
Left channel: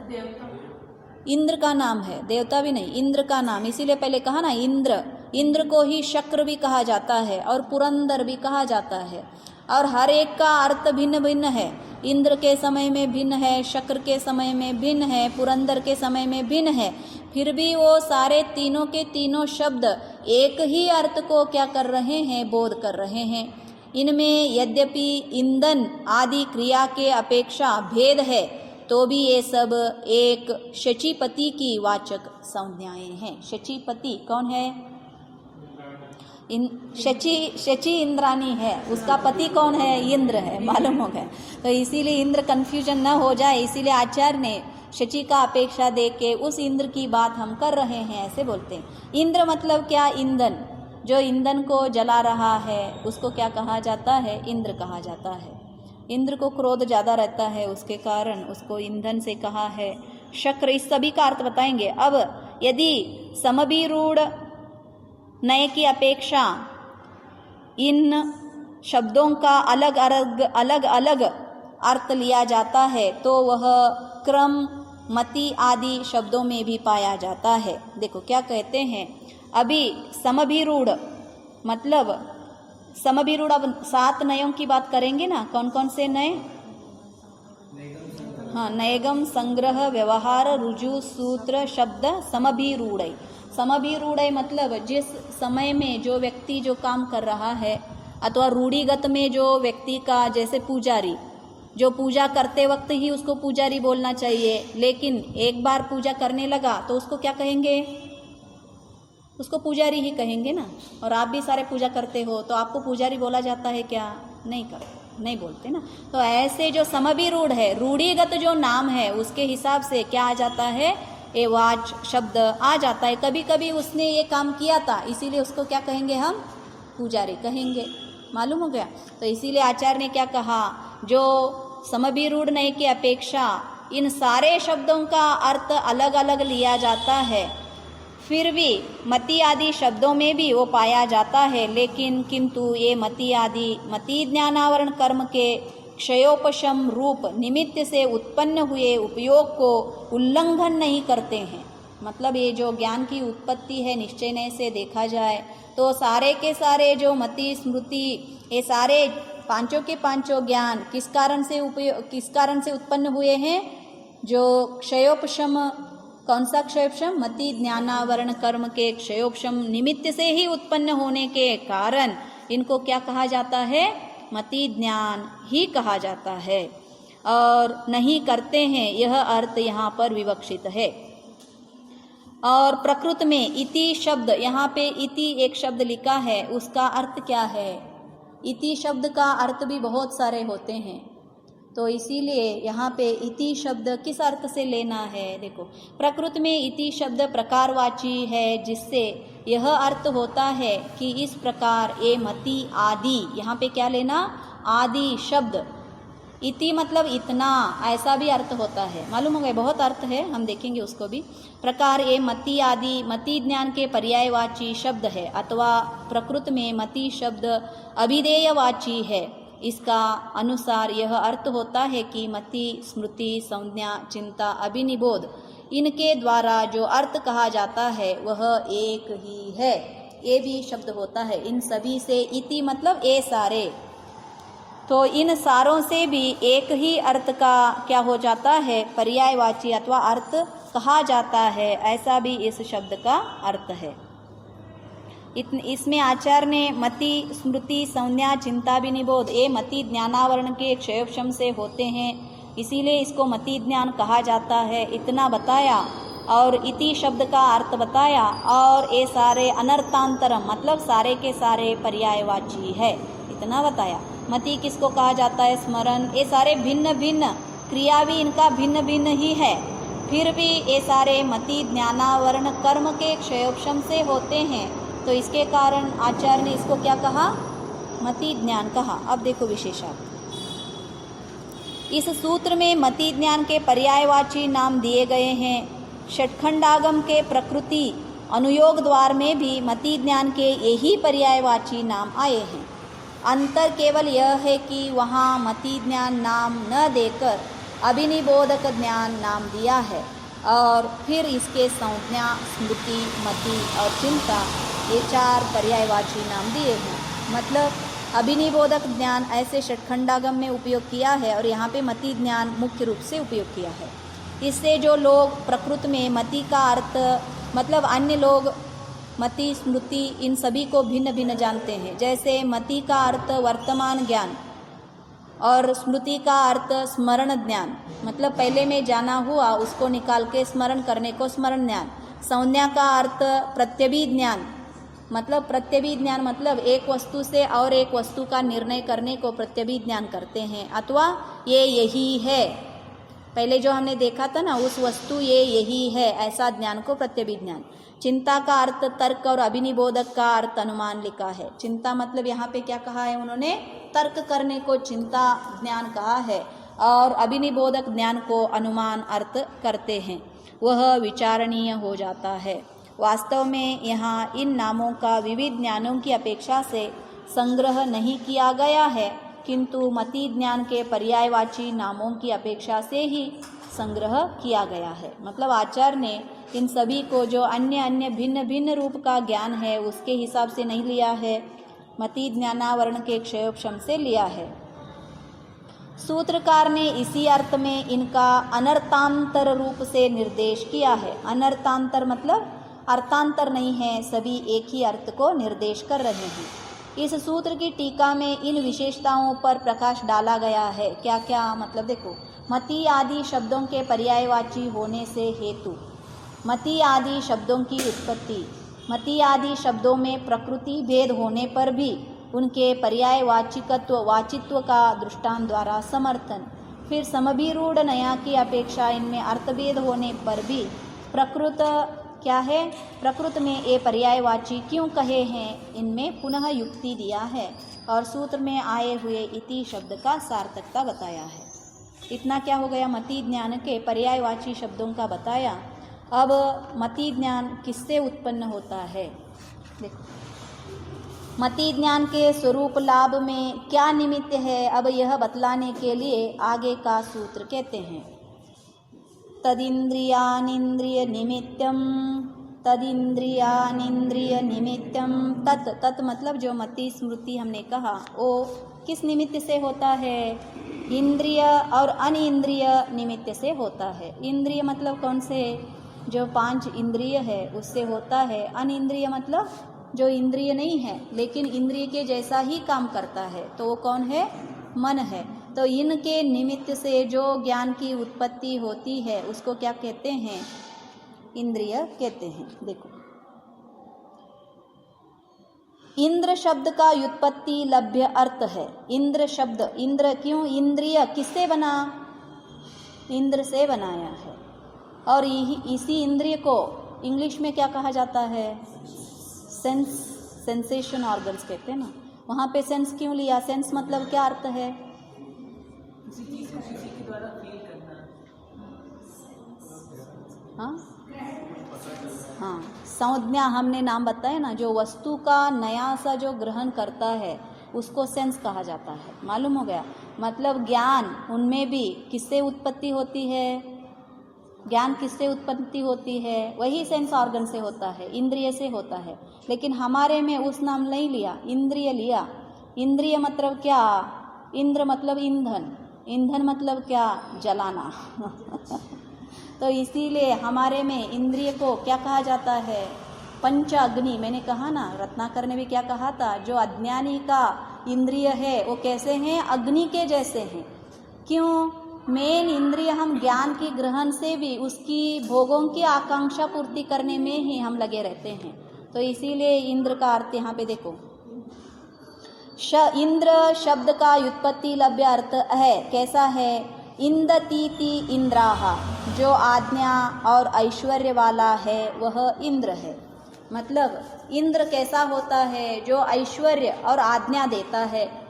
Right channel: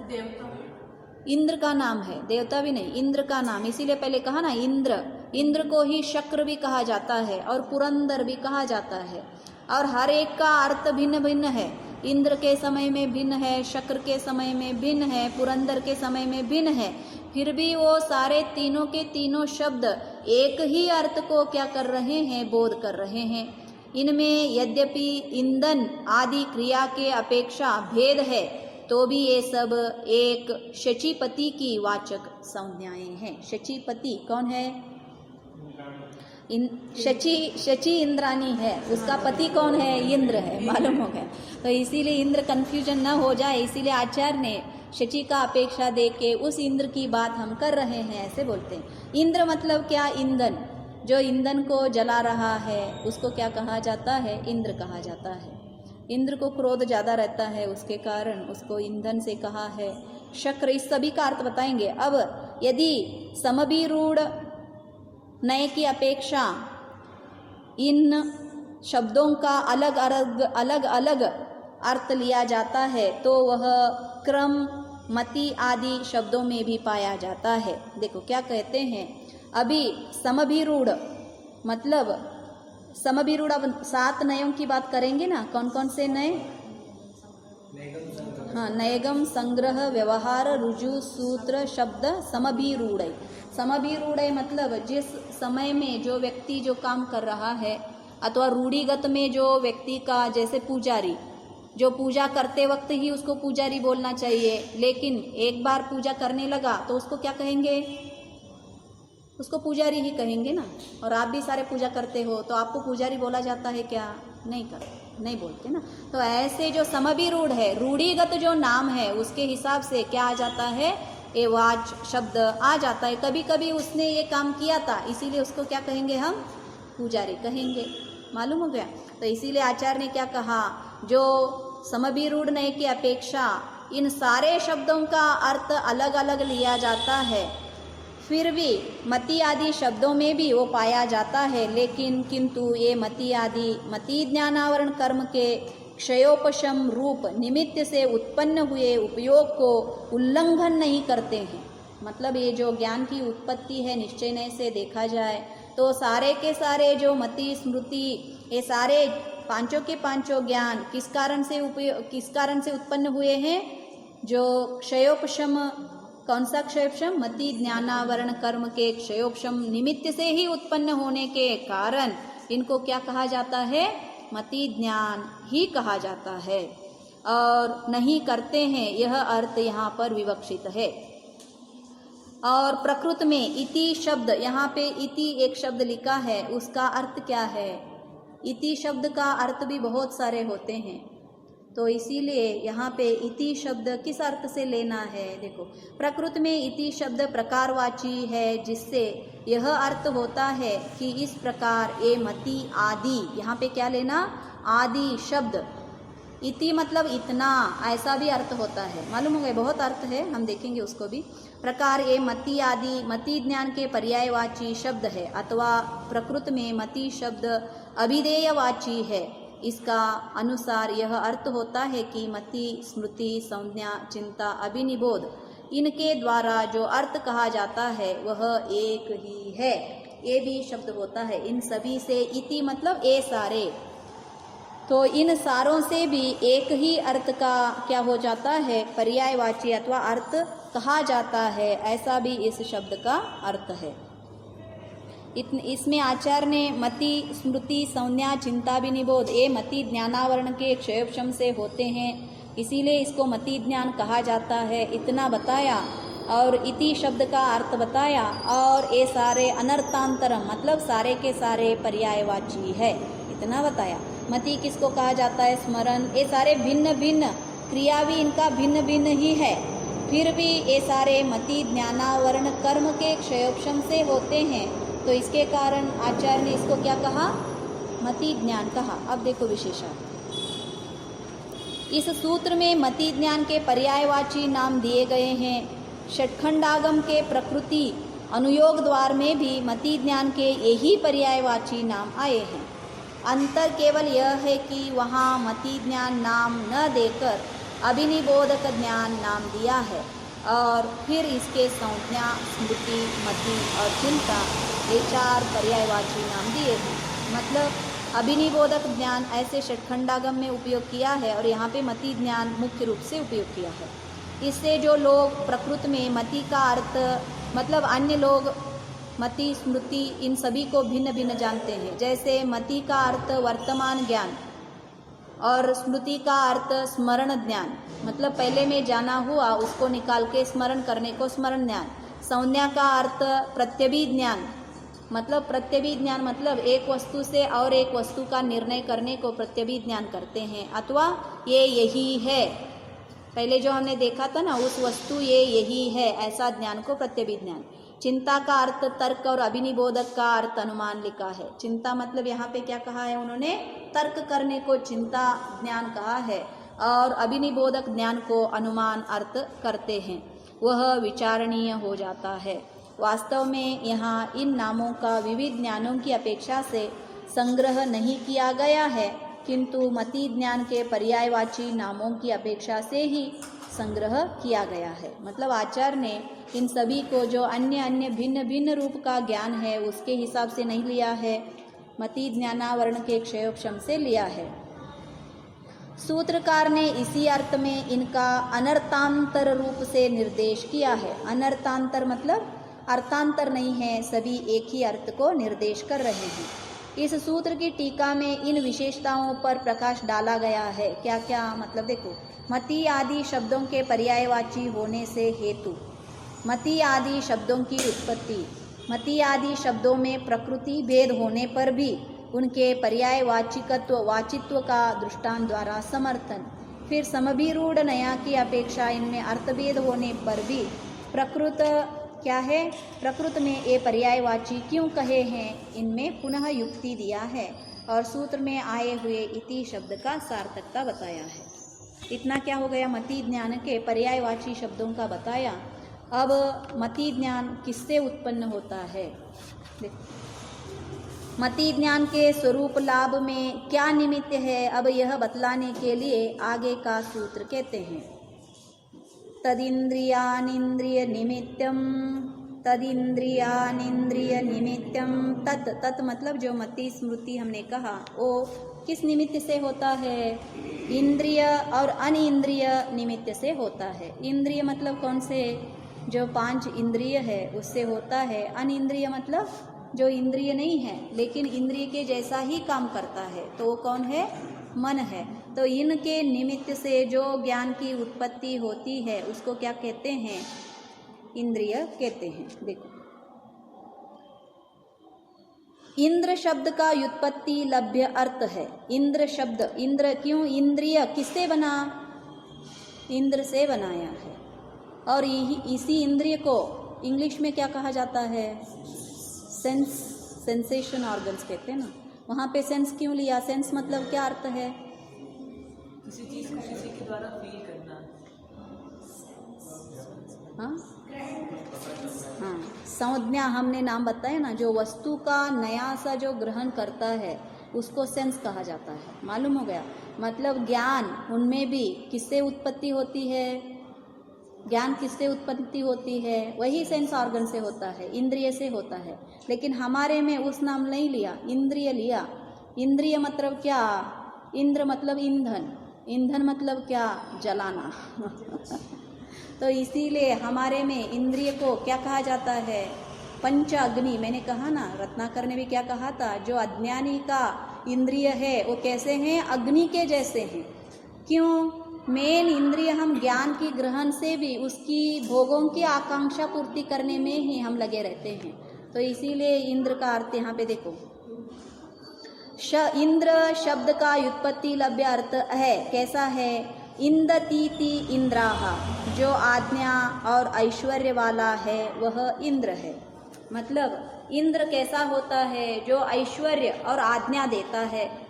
इंद्र का नाम है, देवता भी नहीं, इंद्र का नाम। इसीलिए पहले कहा ना, इंद्र, इंद्र को ही शक्र भी कहा जाता है और पुरंदर भी कहा जाता है। और हर एक का अर्थ भिन्न भिन्न है। इंद्र के समय में भिन्न है, शक्र के समय में भिन्न है, पुरंदर के समय में भिन्न है। फिर भी वो सारे तीनों के तीनों शब्द एक ही अर्थ को क्या कर रहे हैं, बोध कर रहे हैं। इनमें यद्यपि ईंधन आदि क्रिया के अपेक्षा भेद है तो भी ये सब एक शचीपति की वाचक संज्ञाएं हैं। शचीपति कौन है, शची इंद्रानी है, उसका पति कौन है, इंद्र है। मालूम हो गया। तो इसीलिए इंद्र कंफ्यूजन न हो जाए, इसीलिए आचार्य ने शची का अपेक्षा दे के उस इंद्र की बात हम कर रहे हैं, ऐसे बोलते हैं। इंद्र मतलब क्या, ईंधन, जो ईंधन को जला रहा है उसको क्या कहा जाता है, इंद्र कहा जाता है। इंद्र को क्रोध ज़्यादा रहता है, उसके कारण उसको ईंधन से कहा है। शक्र, इस सभी का अर्थ बताएंगे। अब यदि समभिरूढ़ नए की अपेक्षा इन शब्दों का अलग अलग अर्थ लिया जाता है तो वह क्रम, मति आदि शब्दों में भी पाया जाता है। देखो क्या कहते हैं, अभी समभिरूढ़ मतलब समभिरूढ़, अब 7 नयों की बात करेंगे ना, कौन कौन से नए, हाँ, नयगम, संग्रह, व्यवहार, रुजु, सूत्र, शब्द, समभिरूढ़। समभिरूढ़ मतलब जिस समय में जो व्यक्ति जो काम कर रहा है अथवा रूढ़िगत में जो व्यक्ति का, जैसे पुजारी जो पूजा करते वक्त ही उसको पुजारी बोलना चाहिए, लेकिन एक बार पूजा करने लगा तो उसको क्या कहेंगे, उसको पुजारी ही कहेंगे ना। और आप भी सारे पूजा करते हो तो आपको पुजारी बोला जाता है क्या, नहीं बोलते ना। तो ऐसे जो समभिरूढ़ है, रूढ़िगत जो नाम है उसके हिसाब से क्या आ जाता है, ये वाच शब्द आ जाता है। कभी कभी उसने ये काम किया था इसीलिए उसको क्या कहेंगे, हम पुजारी कहेंगे। मालूम हो गया। तो इसीलिए आचार्य ने क्या कहा, जो समभिरूढ़ नय की अपेक्षा इन सारे शब्दों का अर्थ अलग अलग लिया जाता है, फिर भी मति आदि शब्दों में भी वो पाया जाता है, लेकिन किंतु ये मति आदि मति ज्ञानावरण कर्म के क्षयोपशम रूप निमित्त से उत्पन्न हुए उपयोग को उल्लंघन नहीं करते हैं। मतलब ये जो ज्ञान की उत्पत्ति है निश्चय से देखा जाए तो सारे के सारे जो मति स्मृति ये सारे पांचों के पांचों ज्ञान किस कारण से उत्पन्न हुए हैं? जो क्षयोपशम, कौन सा क्षयोपशम? मति ज्ञानावरण कर्म के क्षयोपशम निमित्त से ही उत्पन्न होने के कारण इनको क्या कहा जाता है? मति ज्ञान ही कहा जाता है। और नहीं करते हैं यह अर्थ यहाँ पर विवक्षित है। और प्रकृत में इति शब्द, यहाँ पे इति एक शब्द लिखा है, उसका अर्थ क्या है? इति शब्द का अर्थ भी बहुत सारे होते हैं, तो इसीलिए यहाँ पे इति शब्द किस अर्थ से लेना है? देखो, प्रकृत में इति शब्द प्रकारवाची है, जिससे यह अर्थ होता है कि इस प्रकार ये मति आदि, यहाँ पे क्या लेना? आदि शब्द, इति मतलब इतना, ऐसा भी अर्थ होता है, मालूम हो गया, बहुत अर्थ है, हम देखेंगे उसको भी। प्रकार ये मति आदि मति ज्ञान के पर्यायवाची शब्द है, अथवा प्रकृत में मति शब्द अभिधेयवाची है। इसका अनुसार यह अर्थ होता है कि मति, स्मृति, संज्ञा, चिंता, अभिनिबोध, इनके द्वारा जो अर्थ कहा जाता है वह एक ही है। ये भी शब्द होता है इन सभी से, इति मतलब ये सारे, तो इन सारों से भी एक ही अर्थ का क्या हो जाता है? पर्यायवाची अथवा अर्थ कहा जाता है, ऐसा भी इस शब्द का अर्थ है। इसमें आचार्य ने मति, स्मृति, संज्ञा, चिंता, विनिबोध ये मति ज्ञानावरण के क्षयोपशम से होते हैं, इसीलिए इसको मति ज्ञान कहा जाता है, इतना बताया। और इति शब्द का अर्थ बताया, और ये सारे अनर्थांतरम मतलब सारे के सारे पर्यायवाची है, इतना बताया। मति किसको कहा जाता है? स्मरण, ये सारे भिन्न भिन्न क्रिया भी इनका भिन्न भिन्न ही है, फिर भी ये सारे मति ज्ञानावरण कर्म के क्षयोपशम से होते हैं, तो इसके कारण आचार्य ने इसको क्या कहा? मति ज्ञान कहा। अब देखो विशेषण, इस सूत्र में मति ज्ञान के पर्यायवाची नाम दिए गए हैं। षटखंडागम के प्रकृति अनुयोग द्वार में भी मति ज्ञान के यही पर्यायवाची नाम आए हैं। अंतर केवल यह है कि वहाँ मति ज्ञान नाम न देकर अभिनिबोधक ज्ञान नाम दिया है, और फिर इसके संज्ञा, स्मृति, मति और चिंता ये चार पर्यायवाची नाम दिए हैं। मतलब अभिनिबोधक ज्ञान ऐसे षटखंडागम में उपयोग किया है, और यहाँ पे मति ज्ञान मुख्य रूप से उपयोग किया है। इससे जो लोग प्रकृत में मति का अर्थ मतलब अन्य लोग मति, स्मृति इन सभी को भिन्न भिन्न जानते हैं। जैसे मति का अर्थ वर्तमान ज्ञान और स्मृति का अर्थ स्मरण ज्ञान, मतलब पहले में जाना हुआ उसको निकाल के स्मरण करने को स्मरण ज्ञान। संज्ञा का अर्थ प्रत्यभिज्ञ ज्ञान, मतलब प्रत्यभिज्ञ ज्ञान मतलब एक वस्तु से और एक वस्तु का निर्णय करने को प्रत्यभिज्ञ ज्ञान करते हैं, अथवा ये यही है, पहले जो हमने देखा था ना उस वस्तु ये यही है, ऐसा ज्ञान को प्रत्यभिज्ञ ज्ञान। चिंता का अर्थ तर्क और अभिनिबोधक का अर्थ अनुमान लिखा है। चिंता मतलब यहाँ पे क्या कहा है उन्होंने? तर्क करने को चिंता ज्ञान कहा है, और अभिनिबोधक ज्ञान को अनुमान अर्थ करते हैं, वह विचारणीय हो जाता है। वास्तव में यहाँ इन नामों का विविध ज्ञानों की अपेक्षा से संग्रह नहीं किया गया है, किंतु मति ज्ञान के पर्यायवाची नामों की अपेक्षा से ही संग्रह किया गया है। मतलब आचार्य ने इन सभी को जो अन्य अन्य भिन्न भिन्न रूप का ज्ञान है उसके हिसाब से नहीं लिया है, मति ज्ञानावरण के क्षयोपशम से लिया है। सूत्रकार ने इसी अर्थ में इनका अनर्थांतर रूप से निर्देश किया है। अनर्थांतर मतलब अर्थांतर नहीं है, सभी एक ही अर्थ को निर्देश कर रहे हैं। इस सूत्र की टीका में इन विशेषताओं पर प्रकाश डाला गया है। क्या क्या? मतलब देखो, मति आदि शब्दों के पर्यायवाची होने से हेतु, मति आदि शब्दों की उत्पत्ति, मति आदि शब्दों में प्रकृति भेद होने पर भी उनके पर्यायवाचिकत्व वाचित्व का दृष्टांत द्वारा समर्थन, फिर समभिरूढ़ नया की अपेक्षा इनमें अर्थभेद होने पर भी प्रकृत क्या है, प्रकृत में ये पर्यायवाची क्यों कहे हैं, इनमें पुनः युक्ति दिया है और सूत्र में आए हुए इति शब्द का सार्थकता बताया है। इतना क्या हो गया? मति ज्ञान के पर्यायवाची शब्दों का बताया। अब मति ज्ञान किससे उत्पन्न होता है? देखो, मति ज्ञान के स्वरूप लाभ में क्या निमित्त है, अब यह बतलाने के लिए आगे का सूत्र कहते हैं। तदिंद्रियानिंद्रियनिमित्तं, तदिंद्रियानिंद्रियनिमित्तं, तत्, तत् मतलब जो मति स्मृति हमने कहा वो किस निमित्त से होता है? इंद्रिय और अनिंद्रिय निमित्त से होता है। इंद्रिय मतलब कौन से? जो 5 इंद्रिय है उससे होता है। अनिंद्रिय मतलब जो इंद्रिय नहीं है लेकिन इंद्रिय के जैसा ही काम करता है, तो वो कौन है? मन है। तो इनके निमित्त से जो ज्ञान की उत्पत्ति होती है उसको क्या कहते हैं? इंद्रिय कहते हैं। देखो, इंद्र शब्द का व्युत्पत्ति लभ्य अर्थ है। इंद्र शब्द, इंद्र क्यों? इंद्रिय किससे बना? इंद्र से बनाया है। और इसी इंद्रिय को इंग्लिश में क्या कहा जाता है? सेंस, सेंसेशन ऑर्गन्स कहते हैं ना। वहाँ पे सेंस क्यों लिया? सेंस मतलब क्या अर्थ है? किसी चीज को किसी के द्वारा फील करना। हाँ हाँ, संज्ञा हमने नाम बताया ना, जो वस्तु का नया सा जो ग्रहण करता है उसको सेंस कहा जाता है। मालूम हो गया? मतलब ज्ञान उनमें भी किससे उत्पत्ति होती है? ज्ञान किससे उत्पत्ति होती है? वही सेंस ऑर्गन से होता है, इंद्रिय से होता है। लेकिन हमारे में उस नाम नहीं लिया, इंद्रिय लिया। इंद्रिय मतलब क्या? इंद्र मतलब ईंधन, ईंधन मतलब क्या? जलाना। तो इसीलिए हमारे में इंद्रिय को क्या कहा जाता है? पंच अग्नि। मैंने कहा ना, रत्नाकर ने भी क्या कहा था? जो अज्ञानी का इंद्रिय है वो कैसे हैं? अग्नि के जैसे हैं। क्यों? मेन इंद्रिय हम ज्ञान की ग्रहण से भी उसकी भोगों की आकांक्षा पूर्ति करने में ही हम लगे रहते हैं। तो इसीलिए इंद्र का अर्थ यहाँ पे देखो, इंद्र शब्द का व्युत्पत्ति लभ्य अर्थ है। कैसा है? इंदतीति इंद्राहा, जो आज्ञा और ऐश्वर्य वाला है वह इंद्र है। मतलब इंद्र कैसा होता है? जो ऐश्वर्य और आज्ञा देता है,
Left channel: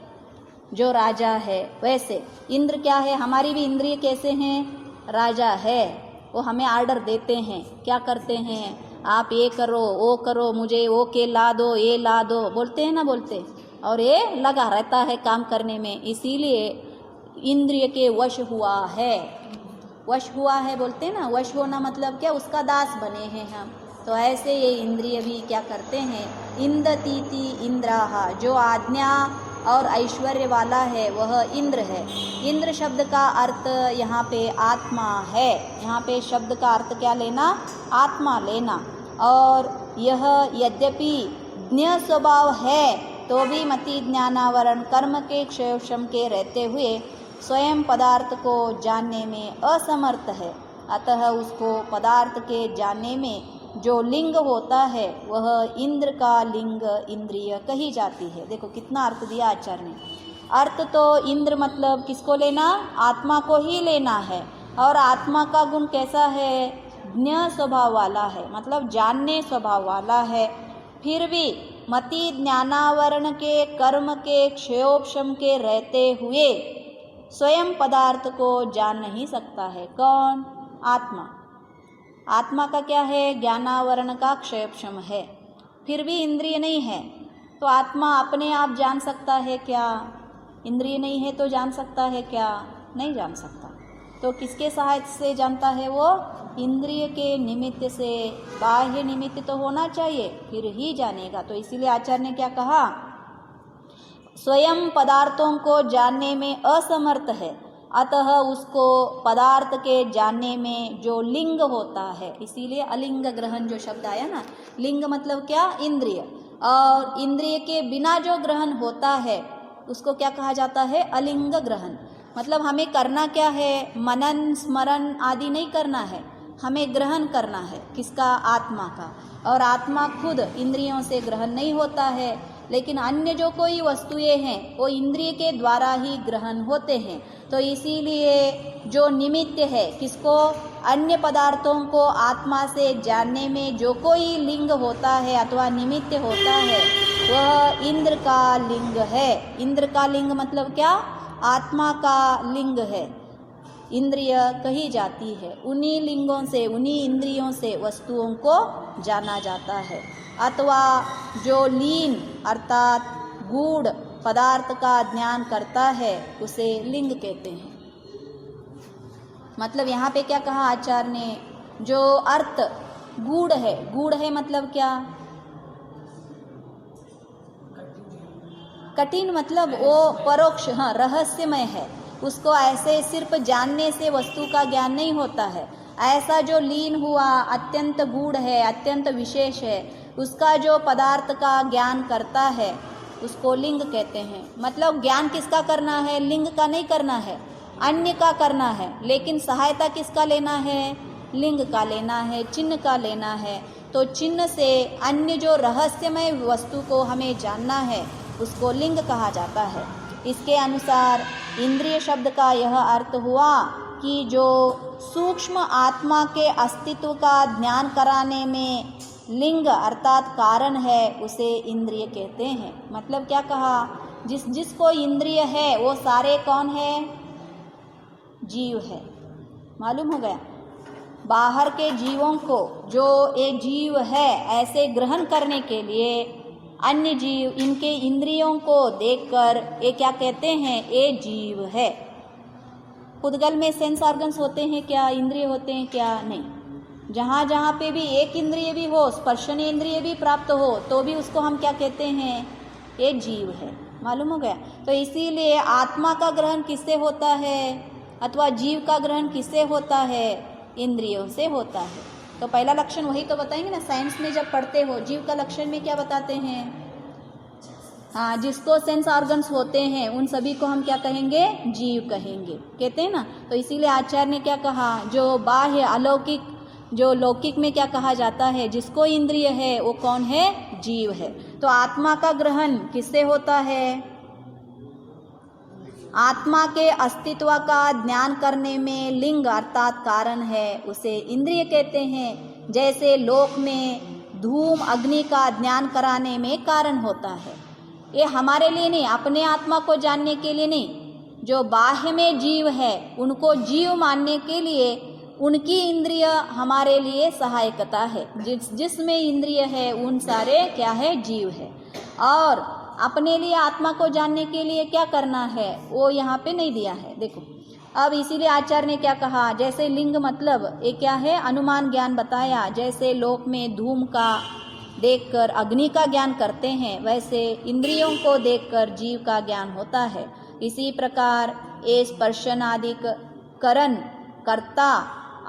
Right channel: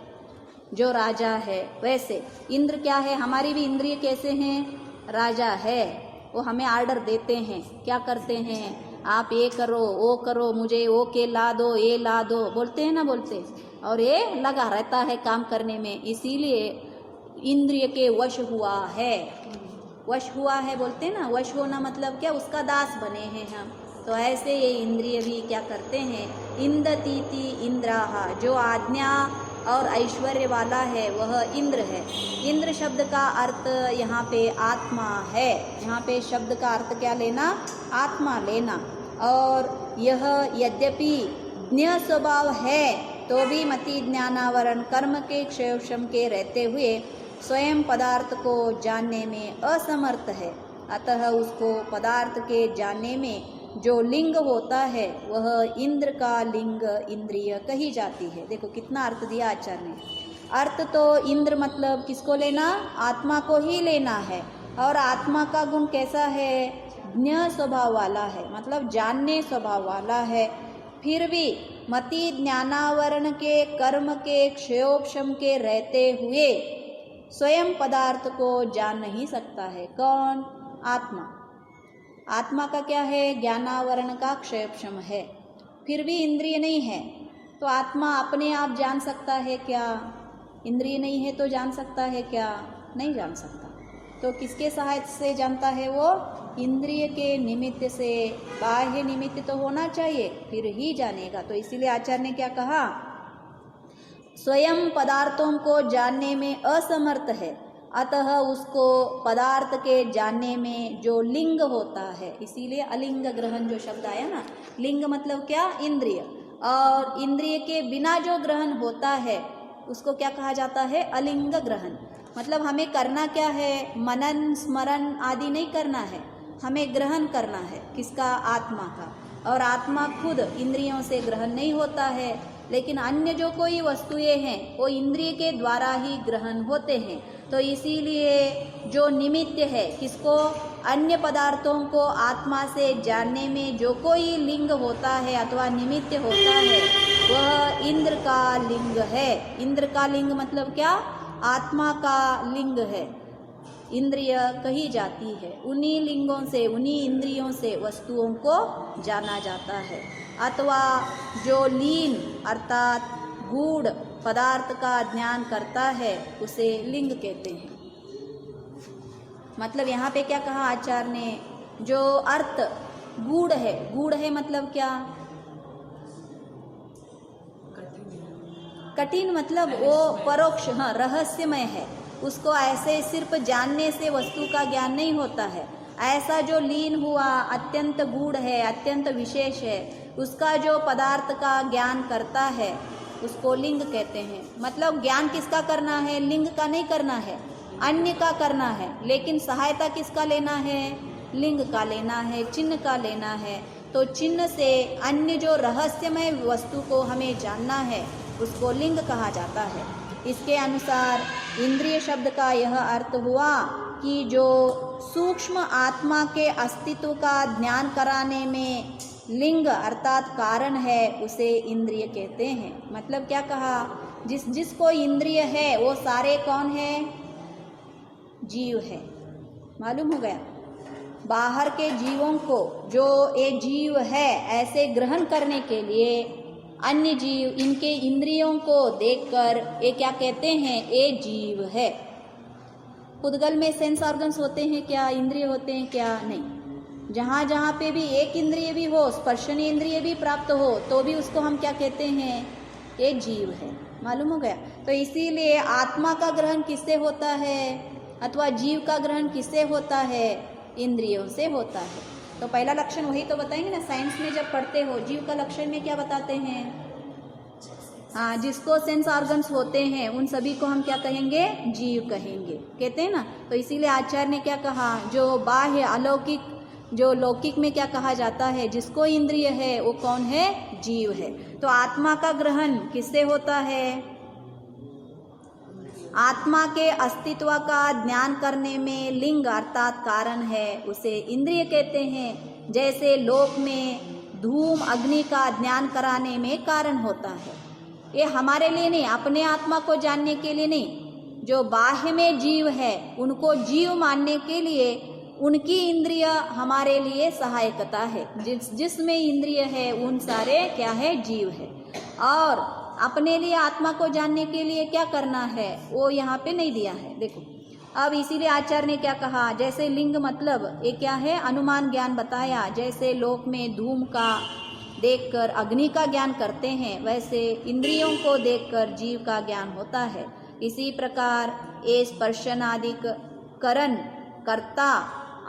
जो राजा है। वैसे इंद्र क्या है? हमारी भी इंद्रिय कैसे हैं? राजा है। वो हमें आर्डर देते हैं। क्या करते हैं? आप ये करो, वो करो, मुझे वो के ला दो, ये ला दो, बोलते हैं ना, बोलते। और ये लगा रहता है काम करने में। इसीलिए इंद्रिय के वश हुआ है। वश हुआ है बोलते हैं ना, वश होना मतलब क्या? उसका दास बने हैं हम। तो ऐसे ये इंद्रिय भी क्या करते हैं? इंदतीति इंद्राहा, जो आज्ञा और ऐश्वर्य वाला है वह इंद्र है। इंद्र शब्द का अर्थ यहाँ पे आत्मा है। यहाँ पे शब्द का अर्थ क्या लेना? आत्मा लेना। और यह यद्यपि ज्ञ स्वभाव है तो भी मति ज्ञानावरण कर्म के क्षयक्षम के रहते हुए स्वयं पदार्थ को जानने में असमर्थ है। अतः उसको पदार्थ के जानने में जो लिंग होता है वह इंद्र का लिंग इंद्रिय कही जाती है। देखो कितना अर्थ दिया आचार्य ने। अर्थ तो इंद्र मतलब किसको लेना? आत्मा को ही लेना है। और आत्मा का गुण कैसा है? ज्ञ स्वभाव वाला है, मतलब जानने स्वभाव वाला है। फिर भी मति ज्ञानावरण के कर्म के क्षयोपशम के रहते हुए स्वयं पदार्थ को जान नहीं सकता है। कौन? आत्मा। आत्मा का क्या है? ज्ञानावरण का क्षयक्षम है। फिर भी इंद्रिय नहीं है, तो आत्मा अपने आप जान सकता है क्या? इंद्रिय नहीं है तो जान सकता है क्या? नहीं जान सकता। तो किसके सहायता से जानता है वो? इंद्रिय के निमित्त से। बाह्य निमित्त तो होना चाहिए फिर ही जानेगा। तो इसीलिए आचार्य ने क्या कहा? स्वयं पदार्थों को जानने में असमर्थ है, अतः उसको पदार्थ के जानने में जो लिंग होता है, इसीलिए अलिंग ग्रहण जो शब्द आया ना, लिंग मतलब क्या? इंद्रिय। और इंद्रिय के बिना जो ग्रहण होता है उसको क्या कहा जाता है? अलिंग ग्रहण। मतलब हमें करना क्या है? मनन स्मरण आदि नहीं करना है, हमें ग्रहण करना है। किसका? आत्मा का। और आत्मा खुद इंद्रियों से ग्रहण नहीं होता है, लेकिन अन्य जो कोई वस्तुएं हैं वो इंद्रिय के द्वारा ही ग्रहण होते हैं। तो इसीलिए जो निमित्त है किसको? अन्य पदार्थों को आत्मा से जानने में जो कोई लिंग होता है अथवा निमित्त होता है वह इंद्र का लिंग है। इंद्र का लिंग मतलब क्या? आत्मा का लिंग है। इंद्रिय कही जाती है। उन्हीं लिंगों से, उन्हीं इंद्रियों से वस्तुओं को जाना जाता है। अथवा जो लीन अर्थात गूढ़ पदार्थ का ज्ञान करता है उसे लिंग कहते हैं। मतलब यहाँ पे क्या कहा आचार्य ने, जो अर्थ गूढ़ है, गूढ़ है मतलब क्या, कठिन मतलब वो परोक्ष, हाँ रहस्यमय है, उसको ऐसे सिर्फ जानने से वस्तु का ज्ञान नहीं होता है। ऐसा जो लीन हुआ अत्यंत गूढ़ है, अत्यंत विशेष है, उसका जो पदार्थ का ज्ञान करता है उसको लिंग कहते हैं। मतलब ज्ञान किसका करना है, लिंग का नहीं करना है, अन्य का करना है, लेकिन सहायता किसका लेना है, लिंग का लेना है, चिन्ह का लेना है। तो चिन्ह से अन्य जो रहस्यमय वस्तु को हमें जानना है उसको लिंग कहा जाता है। इसके अनुसार इंद्रिय शब्द का यह अर्थ हुआ कि जो सूक्ष्म आत्मा के अस्तित्व का ज्ञान कराने में लिंग अर्थात कारण है उसे इंद्रिय कहते हैं। मतलब क्या कहा, जिसको इंद्रिय है वो सारे कौन है, जीव है। मालूम हो गया, बाहर के जीवों को जो एक जीव है ऐसे ग्रहण करने के लिए अन्य जीव इनके इंद्रियों को देखकर ये क्या कहते हैं, ये जीव है। पुद्गल में सेंस ऑर्गन्स होते हैं क्या, इंद्रिय होते हैं क्या, नहीं। जहाँ जहाँ पे भी एक इंद्रिय भी हो, स्पर्शनीय इंद्रिय भी प्राप्त हो, तो भी उसको हम क्या कहते हैं, ये जीव है। मालूम हो गया। तो इसीलिए आत्मा का ग्रहण किससे होता है, अथवा जीव का ग्रहण किससे होता है, इंद्रियों से होता है। तो पहला लक्षण वही तो बताएंगे ना, साइंस में जब पढ़ते हो जीव का लक्षण में क्या बताते हैं, हाँ जिसको सेंस ऑर्गन्स होते हैं उन सभी को हम क्या कहेंगे, जीव कहेंगे, कहते हैं ना। तो इसीलिए आचार्य ने क्या कहा, जो बाह्य अलौकिक, जो लौकिक में क्या कहा जाता है, जिसको इंद्रिय है वो कौन है, जीव है। तो आत्मा का ग्रहण किससे होता है, आत्मा के अस्तित्व का ज्ञान करने में लिंग अर्थात कारण है उसे इंद्रिय कहते हैं। जैसे लोक में धूम अग्नि का ज्ञान कराने में कारण होता है, ये हमारे लिए नहीं, अपने आत्मा को जानने के लिए नहीं, जो बाह्य में जीव है उनको जीव मानने के लिए उनकी इंद्रिय हमारे लिए सहायकता है। जिसमें इंद्रिय है उन सारे क्या है, जीव है। और अपने लिए आत्मा को जानने के लिए क्या करना है वो यहाँ पे नहीं दिया है। देखो अब इसीलिए आचार्य ने क्या कहा, जैसे लिंग मतलब ये क्या है, अनुमान ज्ञान बताया। जैसे लोक में धूम का देखकर अग्नि का ज्ञान करते हैं, वैसे इंद्रियों को देखकर जीव का ज्ञान होता है। इसी प्रकार ये स्पर्शनादिक करण कर्ता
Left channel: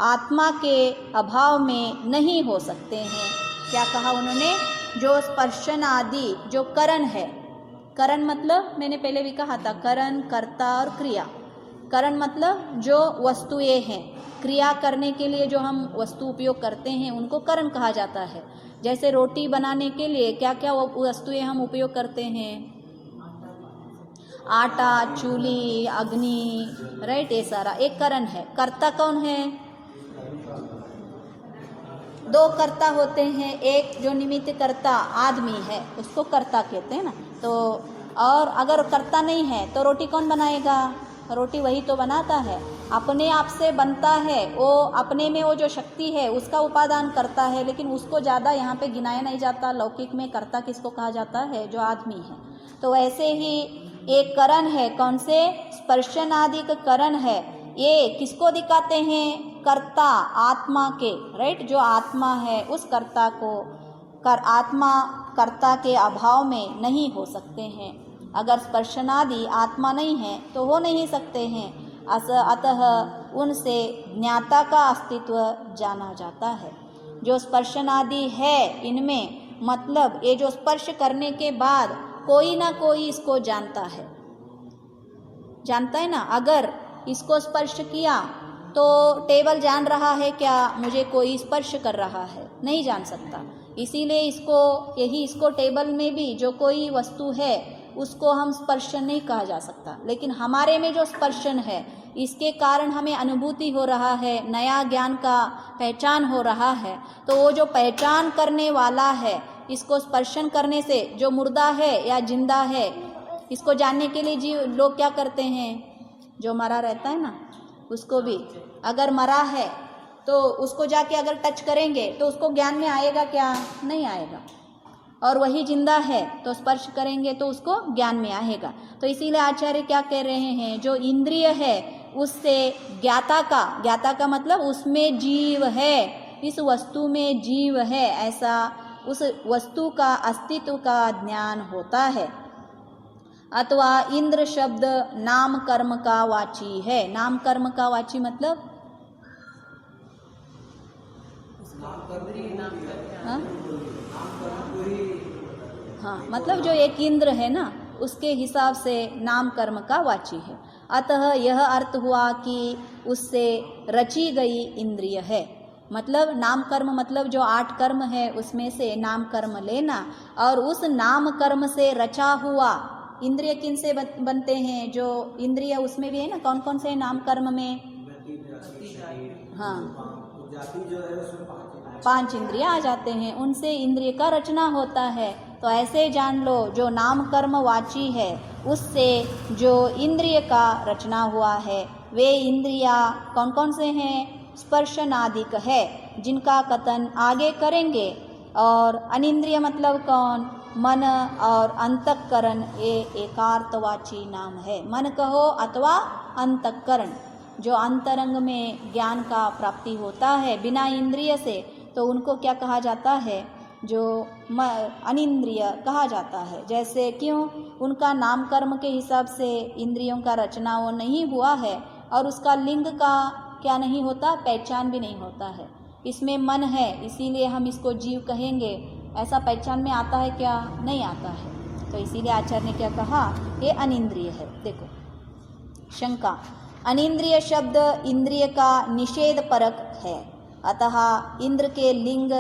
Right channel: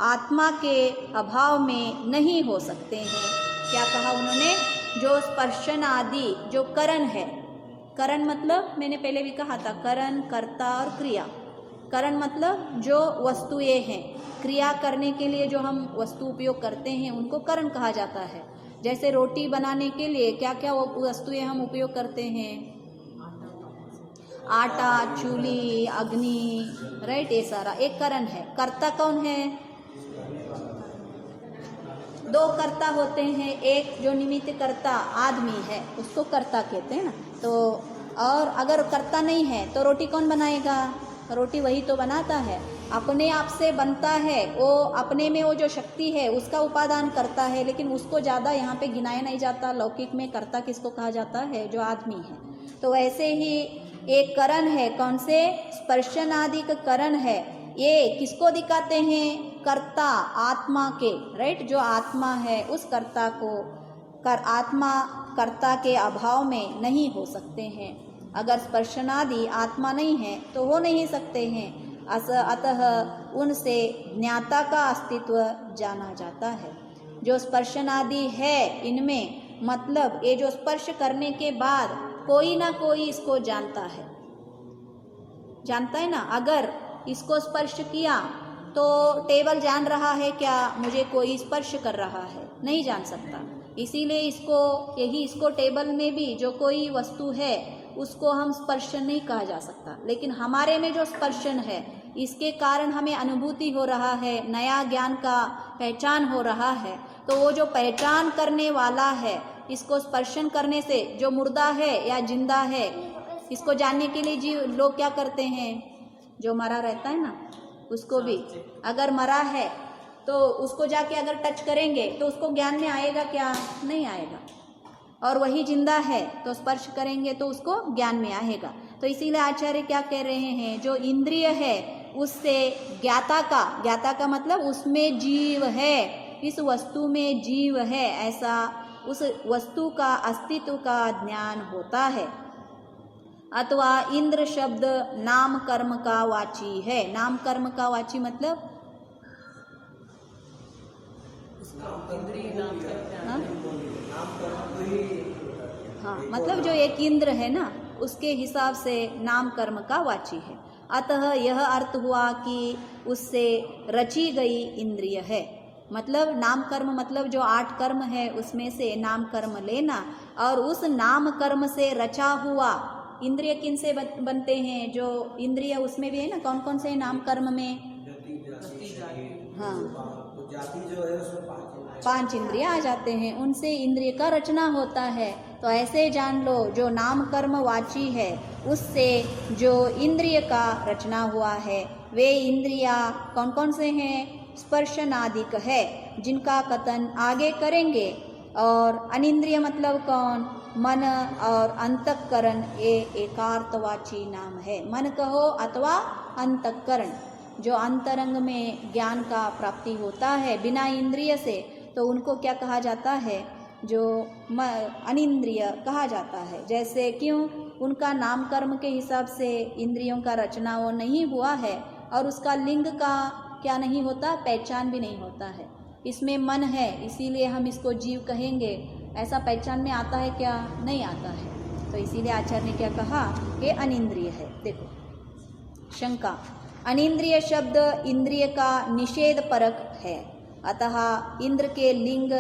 आत्मा के अभाव में नहीं हो सकते हैं। क्या कहा उन्होंने, जो स्पर्शन आदि जो करण है, करण मतलब मैंने पहले भी कहा था, करण कर्ता और क्रिया। करण मतलब जो वस्तुएं हैं, क्रिया करने के लिए जो हम वस्तु उपयोग करते हैं उनको करण कहा जाता है। जैसे रोटी बनाने के लिए क्या क्या वस्तुएं हम उपयोग करते हैं, आटा, चूल्ही, अग्नि, राइट, ये सारा एक करण है। कर्ता कौन है, दो कर्ता होते हैं, एक जो निमित्त कर्ता आदमी है उसको कर्ता कहते हैं ना। तो और अगर कर्ता नहीं है तो रोटी कौन बनाएगा, रोटी वही तो बनाता है, अपने आप से बनता है, वो अपने में वो जो शक्ति है उसका उपादान करता है, लेकिन उसको ज़्यादा यहाँ पे गिनाया नहीं जाता। लौकिक में कर्ता किसको कहा जाता है, जो आदमी है। तो वैसे ही एक करण है, कौन से, स्पर्शनादिक करण है। ये किसको दिखाते हैं, कर्ता आत्मा के, राइट, जो आत्मा है उस कर्ता को आत्मा कर्ता के अभाव में नहीं हो सकते हैं। अगर स्पर्शनादि आत्मा नहीं है तो हो नहीं सकते हैं, अतः उनसे ज्ञाता का अस्तित्व जाना जाता है। जो स्पर्शनादि है इनमें मतलब ये जो स्पर्श करने के बाद कोई ना कोई इसको जानता है, जानता है ना। अगर इसको स्पर्श किया तो टेबल जान रहा है क्या, मुझे कोई स्पर्श कर रहा है, नहीं जान सकता। इसीलिए इसको टेबल में भी जो कोई वस्तु है उसको हम स्पर्शन नहीं कहा जा सकता, लेकिन हमारे में जो स्पर्शन है इसके कारण हमें अनुभूति हो रहा है, नया ज्ञान का पहचान हो रहा है। तो वो जो पहचान करने वाला है, इसको स्पर्शन करने से जो मुर्दा है या जिंदा है, इसको जानने के लिए जीव लोग क्या करते हैं, जो मरा रहता है ना उसको भी, अगर मरा है तो उसको जाके अगर टच करेंगे तो उसको ज्ञान में आएगा क्या, नहीं आएगा। और वही जिंदा है तो स्पर्श करेंगे तो उसको ज्ञान में आएगा। तो इसीलिए आचार्य क्या कह रहे हैं, जो इंद्रिय है उससे ज्ञाता का मतलब उसमें जीव है, इस वस्तु में जीव है, ऐसा उस वस्तु का अस्तित्व का ज्ञान होता है। अथवा इंद्र शब्द नाम कर्म का वाची है। नाम कर्म का वाची मतलब हाँ, मतलब जो एक इंद्र है ना, उसके हिसाब से नाम कर्म का वाची है। अतः यह अर्थ हुआ कि उससे रची गई इंद्रिय है। मतलब नाम कर्म मतलब जो 8 कर्म है उसमें से नाम कर्म लेना, और उस नाम कर्म से रचा हुआ इंद्रिय किन से बनते हैं? जो इंद्रिय उसमें भी है ना, कौन कौन से नाम कर्म में? हाँ, जाति जो है उसमें 5 इंद्रिय आ जाते हैं, उनसे इंद्रिय का रचना होता है। तो ऐसे जान लो, जो नाम कर्म वाची है उससे जो इंद्रिय का रचना हुआ है, वे इंद्रिया कौन कौन से हैं? स्पर्शनादिक है, जिनका कथन आगे करेंगे। और अनिंद्रिय मतलब कौन? मन और अंतःकरण, ये एकार्थवाची नाम है। मन कहो अथवा अंतःकरण, जो अंतरंग में ज्ञान का प्राप्ति होता है बिना इंद्रिय से, तो उनको क्या कहा जाता है? जो अनिंद्रिय कहा जाता है। जैसे क्यों? उनका नाम कर्म के हिसाब से इंद्रियों का रचना वो नहीं हुआ है, और उसका लिंग का क्या नहीं होता? पहचान भी नहीं होता है। इसमें मन है, इसीलिए हम इसको जीव कहेंगे, ऐसा पहचान में आता है क्या? नहीं आता है। तो इसीलिए आचार्य ने क्या कहा? ये अनिंद्रिय है। देखो शंका, अनिंद्रिय शब्द इंद्रिय का निषेध परक है, अतः इंद्र के लिंग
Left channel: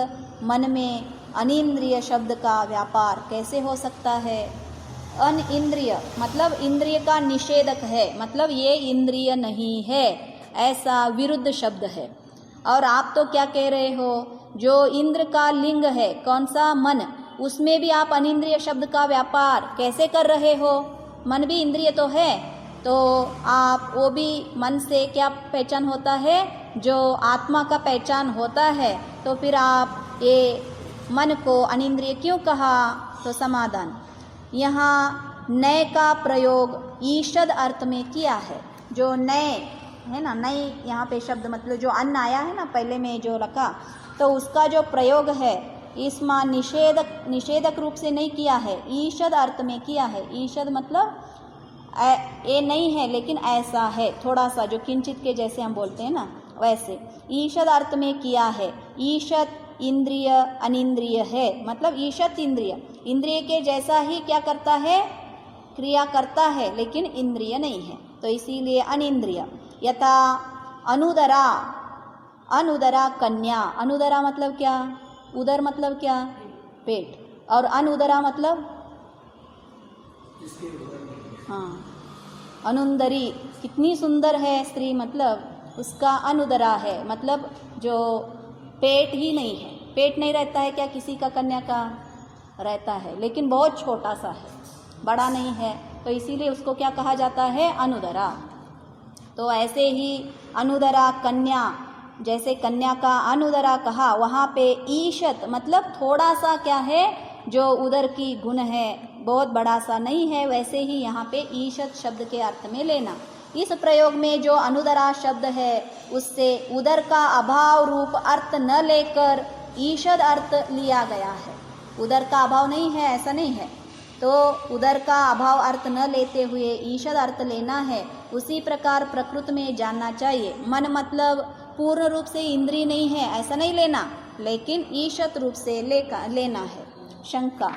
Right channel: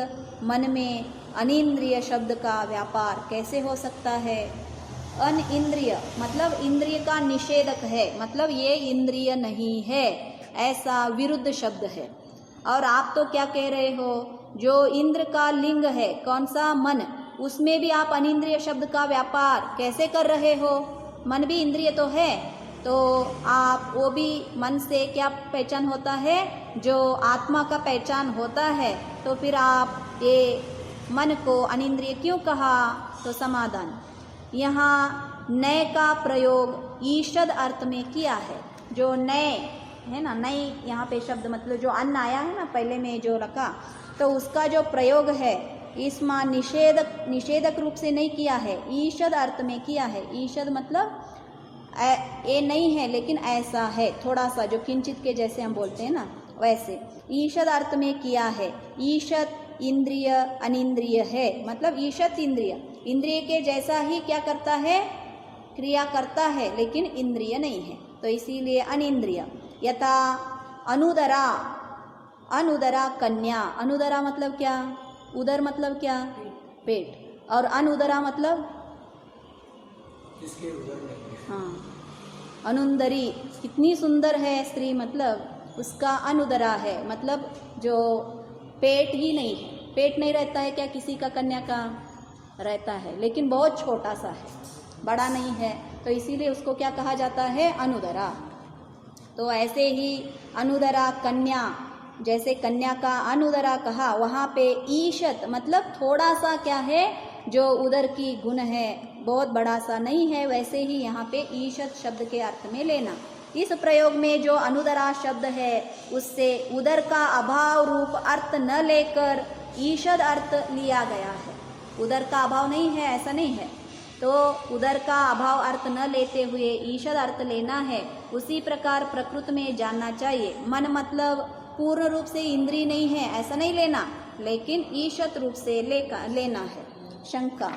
मन में अनिंद्रिय शब्द का व्यापार कैसे हो सकता है? अनिंद्रिय मतलब इंद्रिय का निषेधक है, मतलब ये इंद्रिय नहीं है, ऐसा विरुद्ध शब्द है। और आप तो क्या कह रहे हो? जो इंद्र का लिंग है, कौन सा? मन, उसमें भी आप अनिंद्रिय शब्द का व्यापार कैसे कर रहे हो? मन भी इंद्रिय तो है, तो आप वो भी मन से क्या पहचान होता है? जो आत्मा का पहचान होता है, तो फिर आप ये मन को अनिंद्रिय क्यों कहा? तो समाधान, यहाँ नए का प्रयोग ईषद अर्थ में किया है। जो नए है ना, नई यहाँ पे शब्द मतलब जो अन्न आया है ना पहले में जो रखा, तो उसका जो प्रयोग है इसमें निषेधक रूप से नहीं किया है, ईषद अर्थ में किया है। ईषद मतलब ये नहीं है लेकिन ऐसा है, थोड़ा सा जो किंचित के जैसे हम बोलते हैं ना, वैसे ईषद अर्थ में किया है। ईषद इंद्रिय अनिंद्रिय है, मतलब ईषद इंद्रिय के जैसा ही क्या करता है? क्रिया करता है, लेकिन इंद्रिय नहीं है, तो इसीलिए अनिंद्रिय। यथा अनुदरा कन्या, अनुदरा मतलब क्या? उदर मतलब क्या? पेट, और अनुदरा मतलब हाँ, अनुंदरी, कितनी सुंदर है स्त्री, मतलब उसका अनुदरा है, मतलब जो पेट ही नहीं है। पेट नहीं रहता है क्या किसी का? कन्या का रहता है, लेकिन बहुत छोटा सा है, बड़ा नहीं है, तो इसीलिए उसको क्या कहा जाता है? अनुदरा। तो ऐसे ही अनुदरा कन्या, जैसे कन्या का अनुदरा कहा, वहाँ पे ईशत मतलब थोड़ा सा क्या है? जो उदर की गुण है, बहुत बड़ा सा नहीं है, वैसे ही यहाँ पे ईशत शब्द के अर्थ में लेना। इस प्रयोग में जो अनुदरा शब्द है उससे उदर का अभाव रूप अर्थ न लेकर ईशद अर्थ लिया गया है। उदर का अभाव नहीं है ऐसा नहीं है, तो उदर का अभाव अर्थ न लेते हुए ईशद अर्थ लेना है। उसी प्रकार प्रकृति में जानना चाहिए। मन मतलब पूर्ण रूप से इंद्रिय नहीं है ऐसा नहीं लेना, लेकिन ईशत रूप से लेना है। शंका,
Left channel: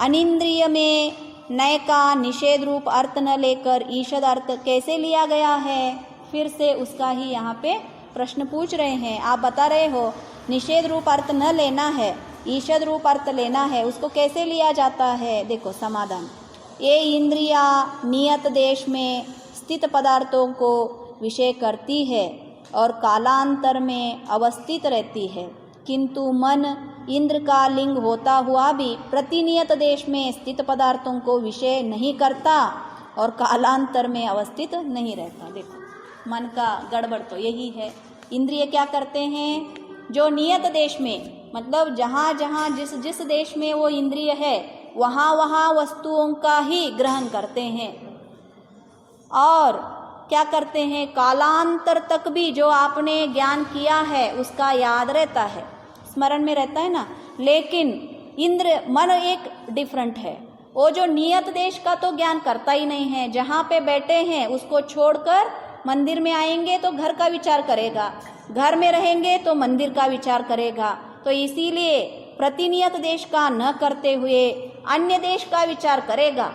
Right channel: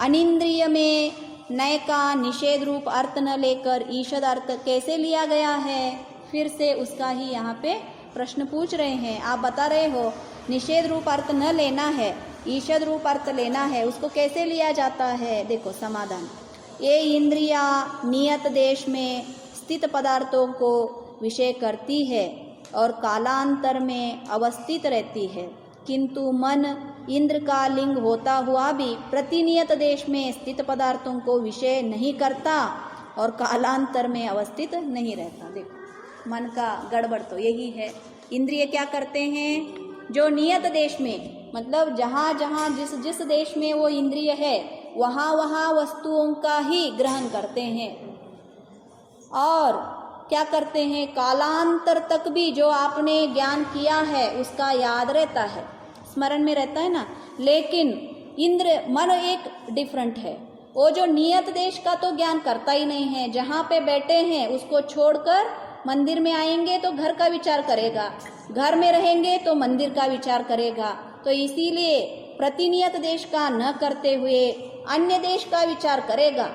अनिंद्रिय में नय का निषेध रूप अर्थ न लेकर ईशद अर्थ कैसे लिया गया है? फिर से उसका ही यहाँ पे प्रश्न पूछ रहे हैं। आप बता रहे हो निषेध रूप अर्थ न लेना है, ईशद रूप अर्थ लेना है, उसको कैसे लिया जाता है? देखो समाधान, ये इंद्रिया नियत देश में स्थित पदार्थों को विषय करती है और कालांतर में अवस्थित रहती है, किंतु मन इंद्र का लिंग होता हुआ भी प्रतिनियत देश में स्थित पदार्थों को विषय नहीं करता और कालांतर में अवस्थित नहीं रहता। देखो मन का गड़बड़ तो यही है। इंद्रिय क्या करते हैं? जो नियत देश में, मतलब जहाँ जहाँ जिस देश में वो इंद्रिय है वहाँ वहाँ वस्तुओं का ही ग्रहण करते हैं, और क्या करते हैं, कालांतर तक भी जो आपने ज्ञान किया है उसका याद रहता है, स्मरण में रहता है ना। लेकिन इंद्र मन एक डिफरेंट है, वो जो नियत देश का तो ज्ञान करता ही नहीं है, जहाँ पे बैठे हैं उसको छोड़कर मंदिर में आएंगे तो घर का विचार करेगा, घर में रहेंगे तो मंदिर का विचार करेगा। तो इसीलिए प्रतिनियत देश का न करते हुए अन्य देश का विचार करेगा,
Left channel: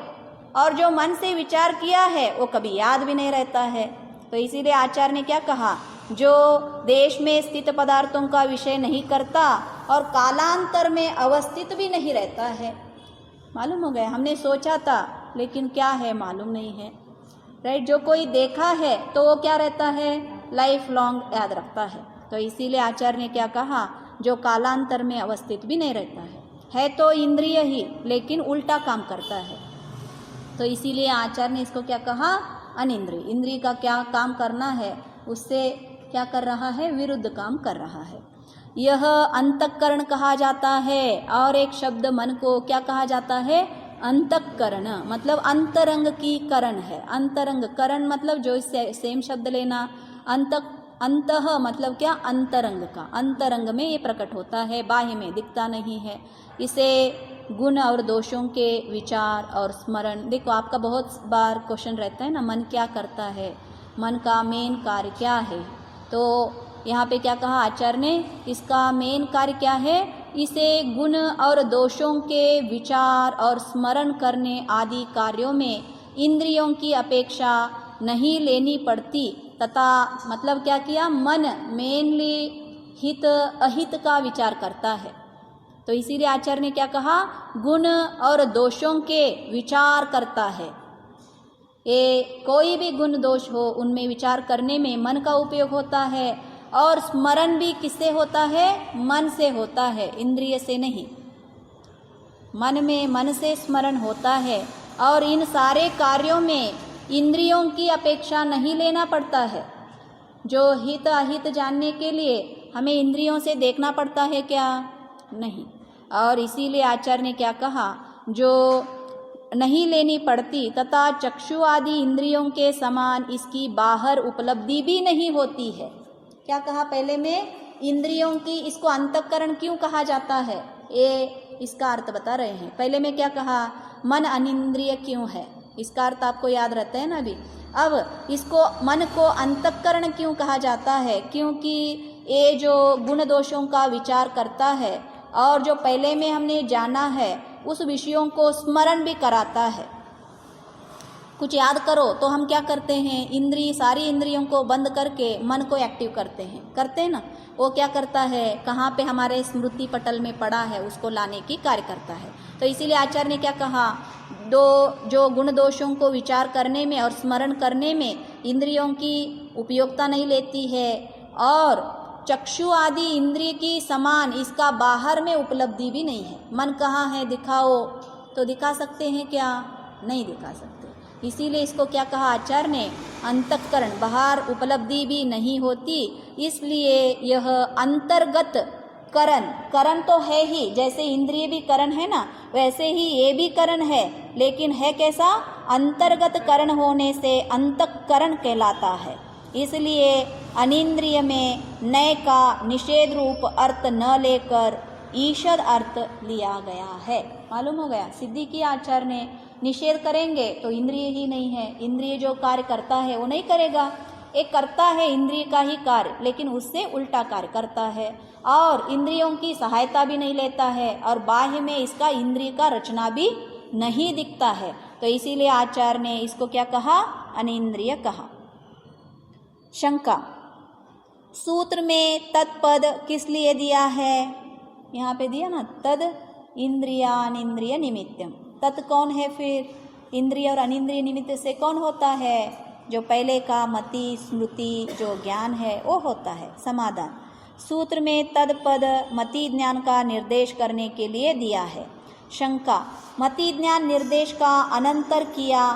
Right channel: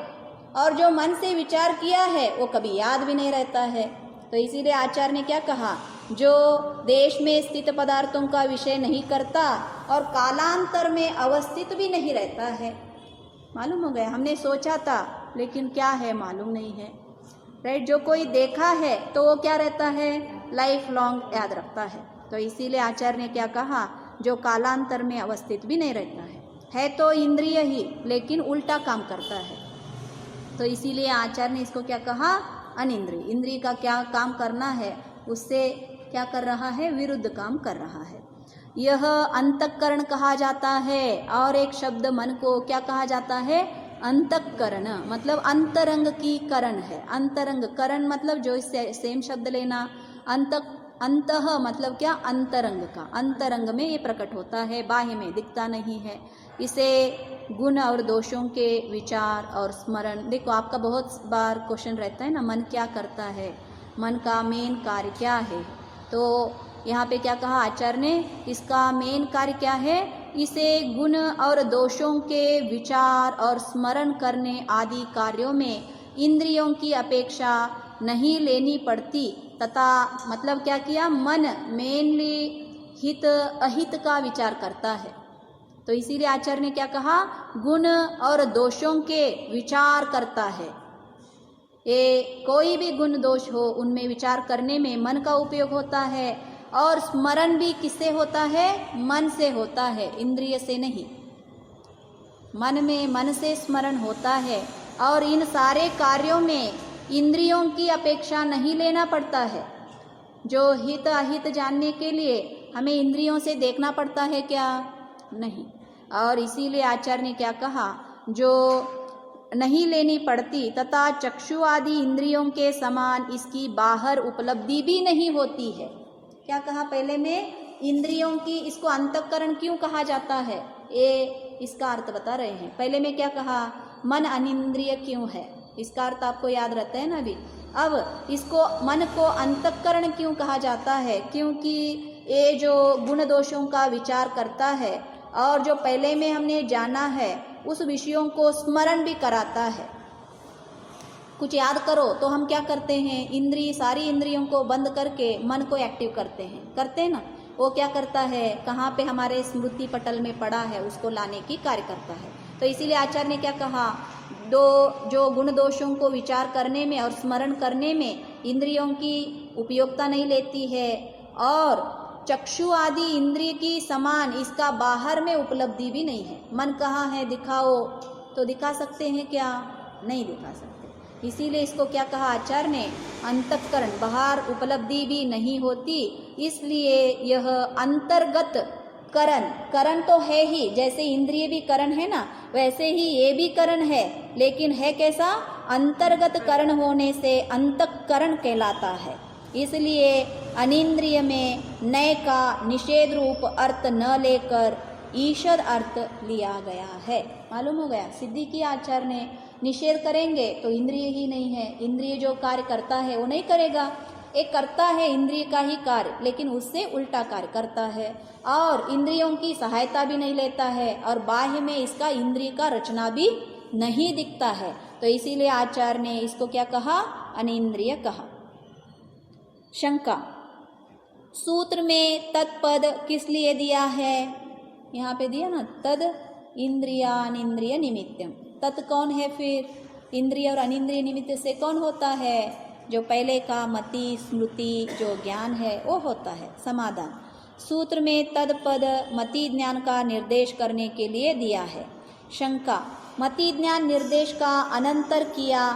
और जो मन से विचार किया है वो कभी याद भी नहीं रहता है। तो इसीलिए आचार्य ने क्या कहा, जो देश में स्थित पदार्थों का विषय नहीं करता और कालांतर में अवस्थित भी नहीं रहता है। मालूम हो गया, हमने सोचा था लेकिन क्या है मालूम नहीं है, राइट। जो कोई देखा है तो वो क्या रहता है, लाइफ लॉन्ग याद रखता है। तो इसीलिए आचार्य ने क्या कहा, जो कालांतर में अवस्थित भी नहीं रहता है तो इंद्रिय ही, लेकिन उल्टा काम करता है। तो इसीलिए आचार्य ने इसको क्या कहा, अनिंद्रिय। इंद्रिय का क्या काम करना है, उससे क्या कर रहा है, विरुद्ध काम कर रहा है। यह अंतःकरण कहा जाता है। और एक शब्द मन को क्या कहा जाता है, अंतःकरण, मतलब अंतरंग की करण है। अंतरंग, करण मतलब जो सेम शब्द लेना, अंतः मतलब क्या, अंतरंग का, अंतरंग में ये प्रकट होता है, बाह्य में दिखता नहीं है। इसे गुण और दोषों के विचार और स्मरण, देखो आपका बहुत बार क्वेश्चन रहता है ना, मन क्या करता है, मन का मेन कार्य क्या है। तो यहाँ पे क्या कहा आचार्य ने, इसका मेन कार्य क्या है, इसे गुण और दोषों के विचार और स्मरण करने आदि कार्यों में इंद्रियों की अपेक्षा नहीं लेनी पड़ती, तथा मतलब क्या किया, मन मेनली हित अहित का विचार करता है। तो इसीलिए आचार्य ने क्या कहा, गुण और दोषों के विचार करता है। ये कोई भी गुण दोष हो उनमें विचार करने में मन का उपयोग होता है, और स्मरण भी किससे होता है, मन से होता है, इंद्रिय से नहीं। मन में मन से स्मरण होता है, और इन सारे कार्यों में इंद्रियों की अपेक्षा नहीं लेना पड़ता है। जो हित अहित जानने के लिए हमें इंद्रियों से देखना पड़ता है क्या, नहीं। और इसीलिए आचार्य ने क्या कहा, जो नहीं लेनी पड़ती तथा चक्षु आदि इंद्रियों के समान इसकी बाहर उपलब्धि भी नहीं होती है। क्या कहा पहले में, इंद्रियों की, इसको अंतःकरण क्यों कहा जाता है, ये इसका अर्थ बता रहे हैं। पहले में क्या कहा, मन अनिंद्रिय क्यों है, इसका अर्थ आपको याद रहता है ना अभी। अब इसको मन को अंतःकरण क्यों कहा जाता है, क्योंकि ये जो गुण दोषों का विचार करता है और जो पहले में हमने जाना है उस विषयों को स्मरण भी कराता है। कुछ याद करो तो हम क्या करते हैं, इंद्रिय, सारी इंद्रियों को बंद करके मन को एक्टिव करते हैं ना। वो क्या करता है, कहाँ पे हमारे स्मृति पटल में पड़ा है उसको लाने की कार्य करता है। तो इसीलिए आचार्य ने क्या कहा, जो गुण दोषों को विचार करने में और स्मरण करने में इंद्रियों की उपयोगिता नहीं लेती है, और चक्षु आदि इंद्रिय की समान इसका बाहर में उपलब्धि भी नहीं है। मन कहाँ है, दिखाओ तो दिखा सकते हैं क्या, नहीं दिखा सकते। इसीलिए इसको क्या कहा आचार्य ने, अंतःकरण, बाहर उपलब्धि भी नहीं होती। इसलिए यह अंतर्गत करण तो है ही, जैसे इंद्रिय भी करण है ना, वैसे ही ये भी करण है, लेकिन है कैसा, अंतर्गत करण होने से अंतःकरण कहलाता है। इसलिए अनिंद्रिय में नय का निषेध रूप अर्थ न लेकर ईषद अर्थ लिया गया है। मालूम हो गया, सिद्धि की आचार्य ने, निषेध करेंगे तो इंद्रिय ही नहीं है, इंद्रिय जो कार्य करता है वो नहीं करेगा। एक करता है इंद्रिय का ही कार्य, लेकिन उससे उल्टा कार्य करता है, और इंद्रियों की सहायता भी नहीं लेता है, और बाह्य में इसका इंद्रिय का रचना भी नहीं दिखता है। तो इसीलिए आचार्य ने इसको क्या कहा, अनिंद्रिय कहा। शंका, सूत्र में तत्पद किस लिए दिया है, यहाँ पे दिया ना, तद इंद्रियानिंद्रिय निमित्तम। तत् कौन है फिर, इंद्रिय और अनिंद्रिय निमित्त से कौन होता है, जो पहले का मति स्मृति जो ज्ञान है वो होता है। समाधान, सूत्र में तद पद मति ज्ञान का निर्देश करने के लिए दिया है। शंका, मति ज्ञान निर्देश का अनंतर किया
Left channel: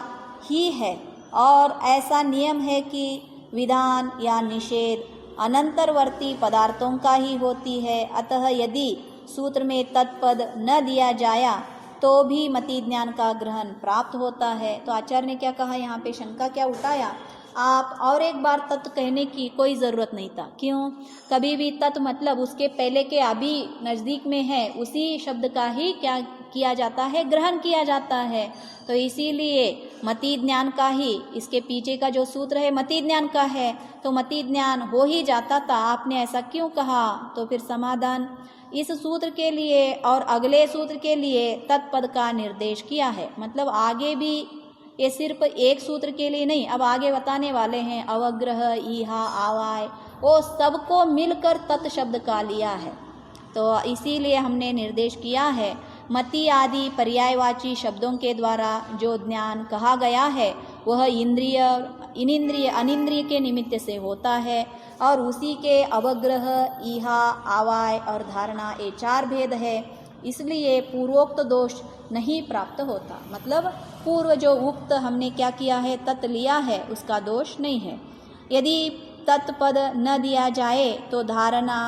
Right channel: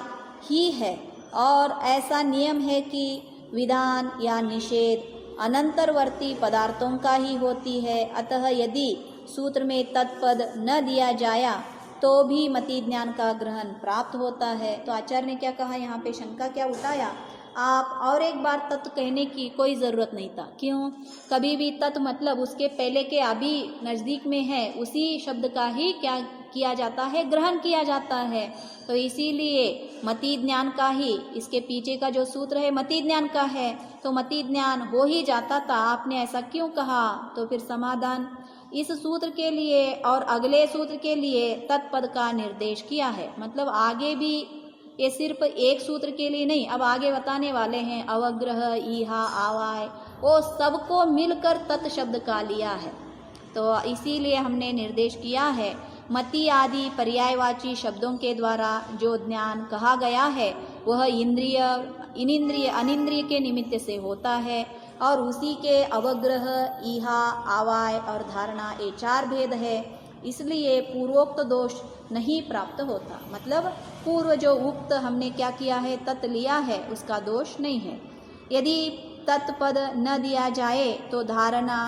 ही है, और ऐसा नियम है कि विधान या निषेध अनंतरवर्ती पदार्थों का ही होती है। अतः यदि सूत्र में तत्पद न दिया जाया तो भी मति ज्ञान का ग्रहण प्राप्त होता है। तो आचार्य ने क्या कहा, यहाँ पे शंका क्या उठाया, आप और एक बार तत् कहने की कोई ज़रूरत नहीं था। क्यों? कभी भी तत् मतलब उसके पहले के अभी नज़दीक में है उसी शब्द का ही क्या किया जाता है, ग्रहण किया जाता है। तो इसीलिए मति ज्ञान का ही, इसके पीछे का जो सूत्र है मति ज्ञान का है, तो मति ज्ञान हो ही जाता था। आपने ऐसा क्यों कहा? तो फिर समाधान, इस सूत्र के लिए और अगले सूत्र के लिए तत्पद का निर्देश किया है। मतलब आगे भी ये सिर्फ एक सूत्र के लिए नहीं, अब आगे बताने वाले हैं अवग्रह, ईहा, आवाय, वो सबको मिलकर तत् शब्द का लिया है। तो इसीलिए हमने निर्देश किया है मति आदि पर्यायवाची शब्दों के द्वारा जो ज्ञान कहा गया है वह इंद्रिय, इनिंद्रिय, अनिंद्रिय के निमित्त से होता है और उसी के अवग्रह, ईहा, आवाय और धारणा ये 4 भेद है। इसलिए पूर्वोक्त दोष नहीं प्राप्त होता। मतलब पूर्व जो उक्त हमने क्या किया है, तत् लिया है, उसका दोष नहीं है। यदि तत्पद न दिया जाए तो धारणा,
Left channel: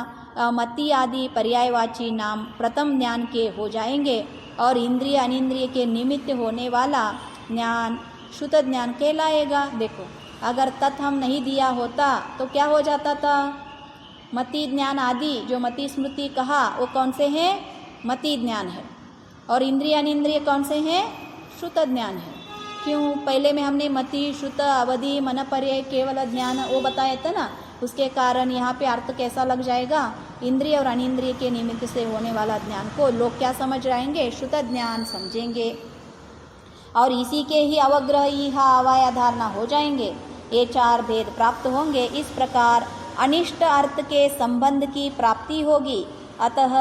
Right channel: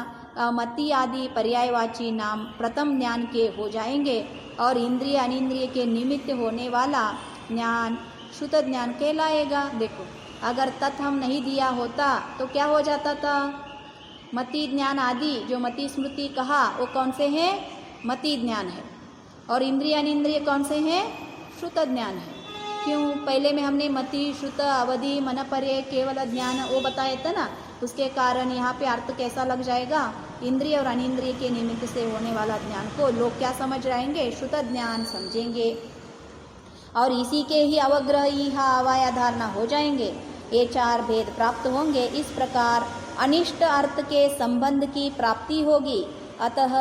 मति आदि पर्यायवाची नाम प्रथम ज्ञान के हो जाएंगे और इंद्रिय अनिंद्रिय के निमित्त होने वाला ज्ञान शुद्ध ज्ञान कहलाएगा। देखो, अगर तत् हम नहीं दिया होता तो क्या हो जाता था? मति ज्ञान आदि जो मति स्मृति कहा वो कौन से हैं? मति ज्ञान है। और इंद्रिय अनिंद्रिय कौन से हैं? श्रुत ज्ञान है। क्यों? पहले में हमने मति, श्रुत, अवधि, मनपर्य, केवल ज्ञान वो बताया था ना। उसके कारण यहाँ पे अर्थ कैसा लग जाएगा? इंद्रिय और अनिंद्रिय के निमित्त से होने वाला ज्ञान को लोग क्या समझ जाएंगे? श्रुत ज्ञान समझेंगे और इसी के ही अवग्रह, ईहा, आवाय, धारणा हो जाएंगे। ये 4 भेद प्राप्त होंगे। इस प्रकार अनिष्ट अर्थ के संबंध की प्राप्ति होगी। अतः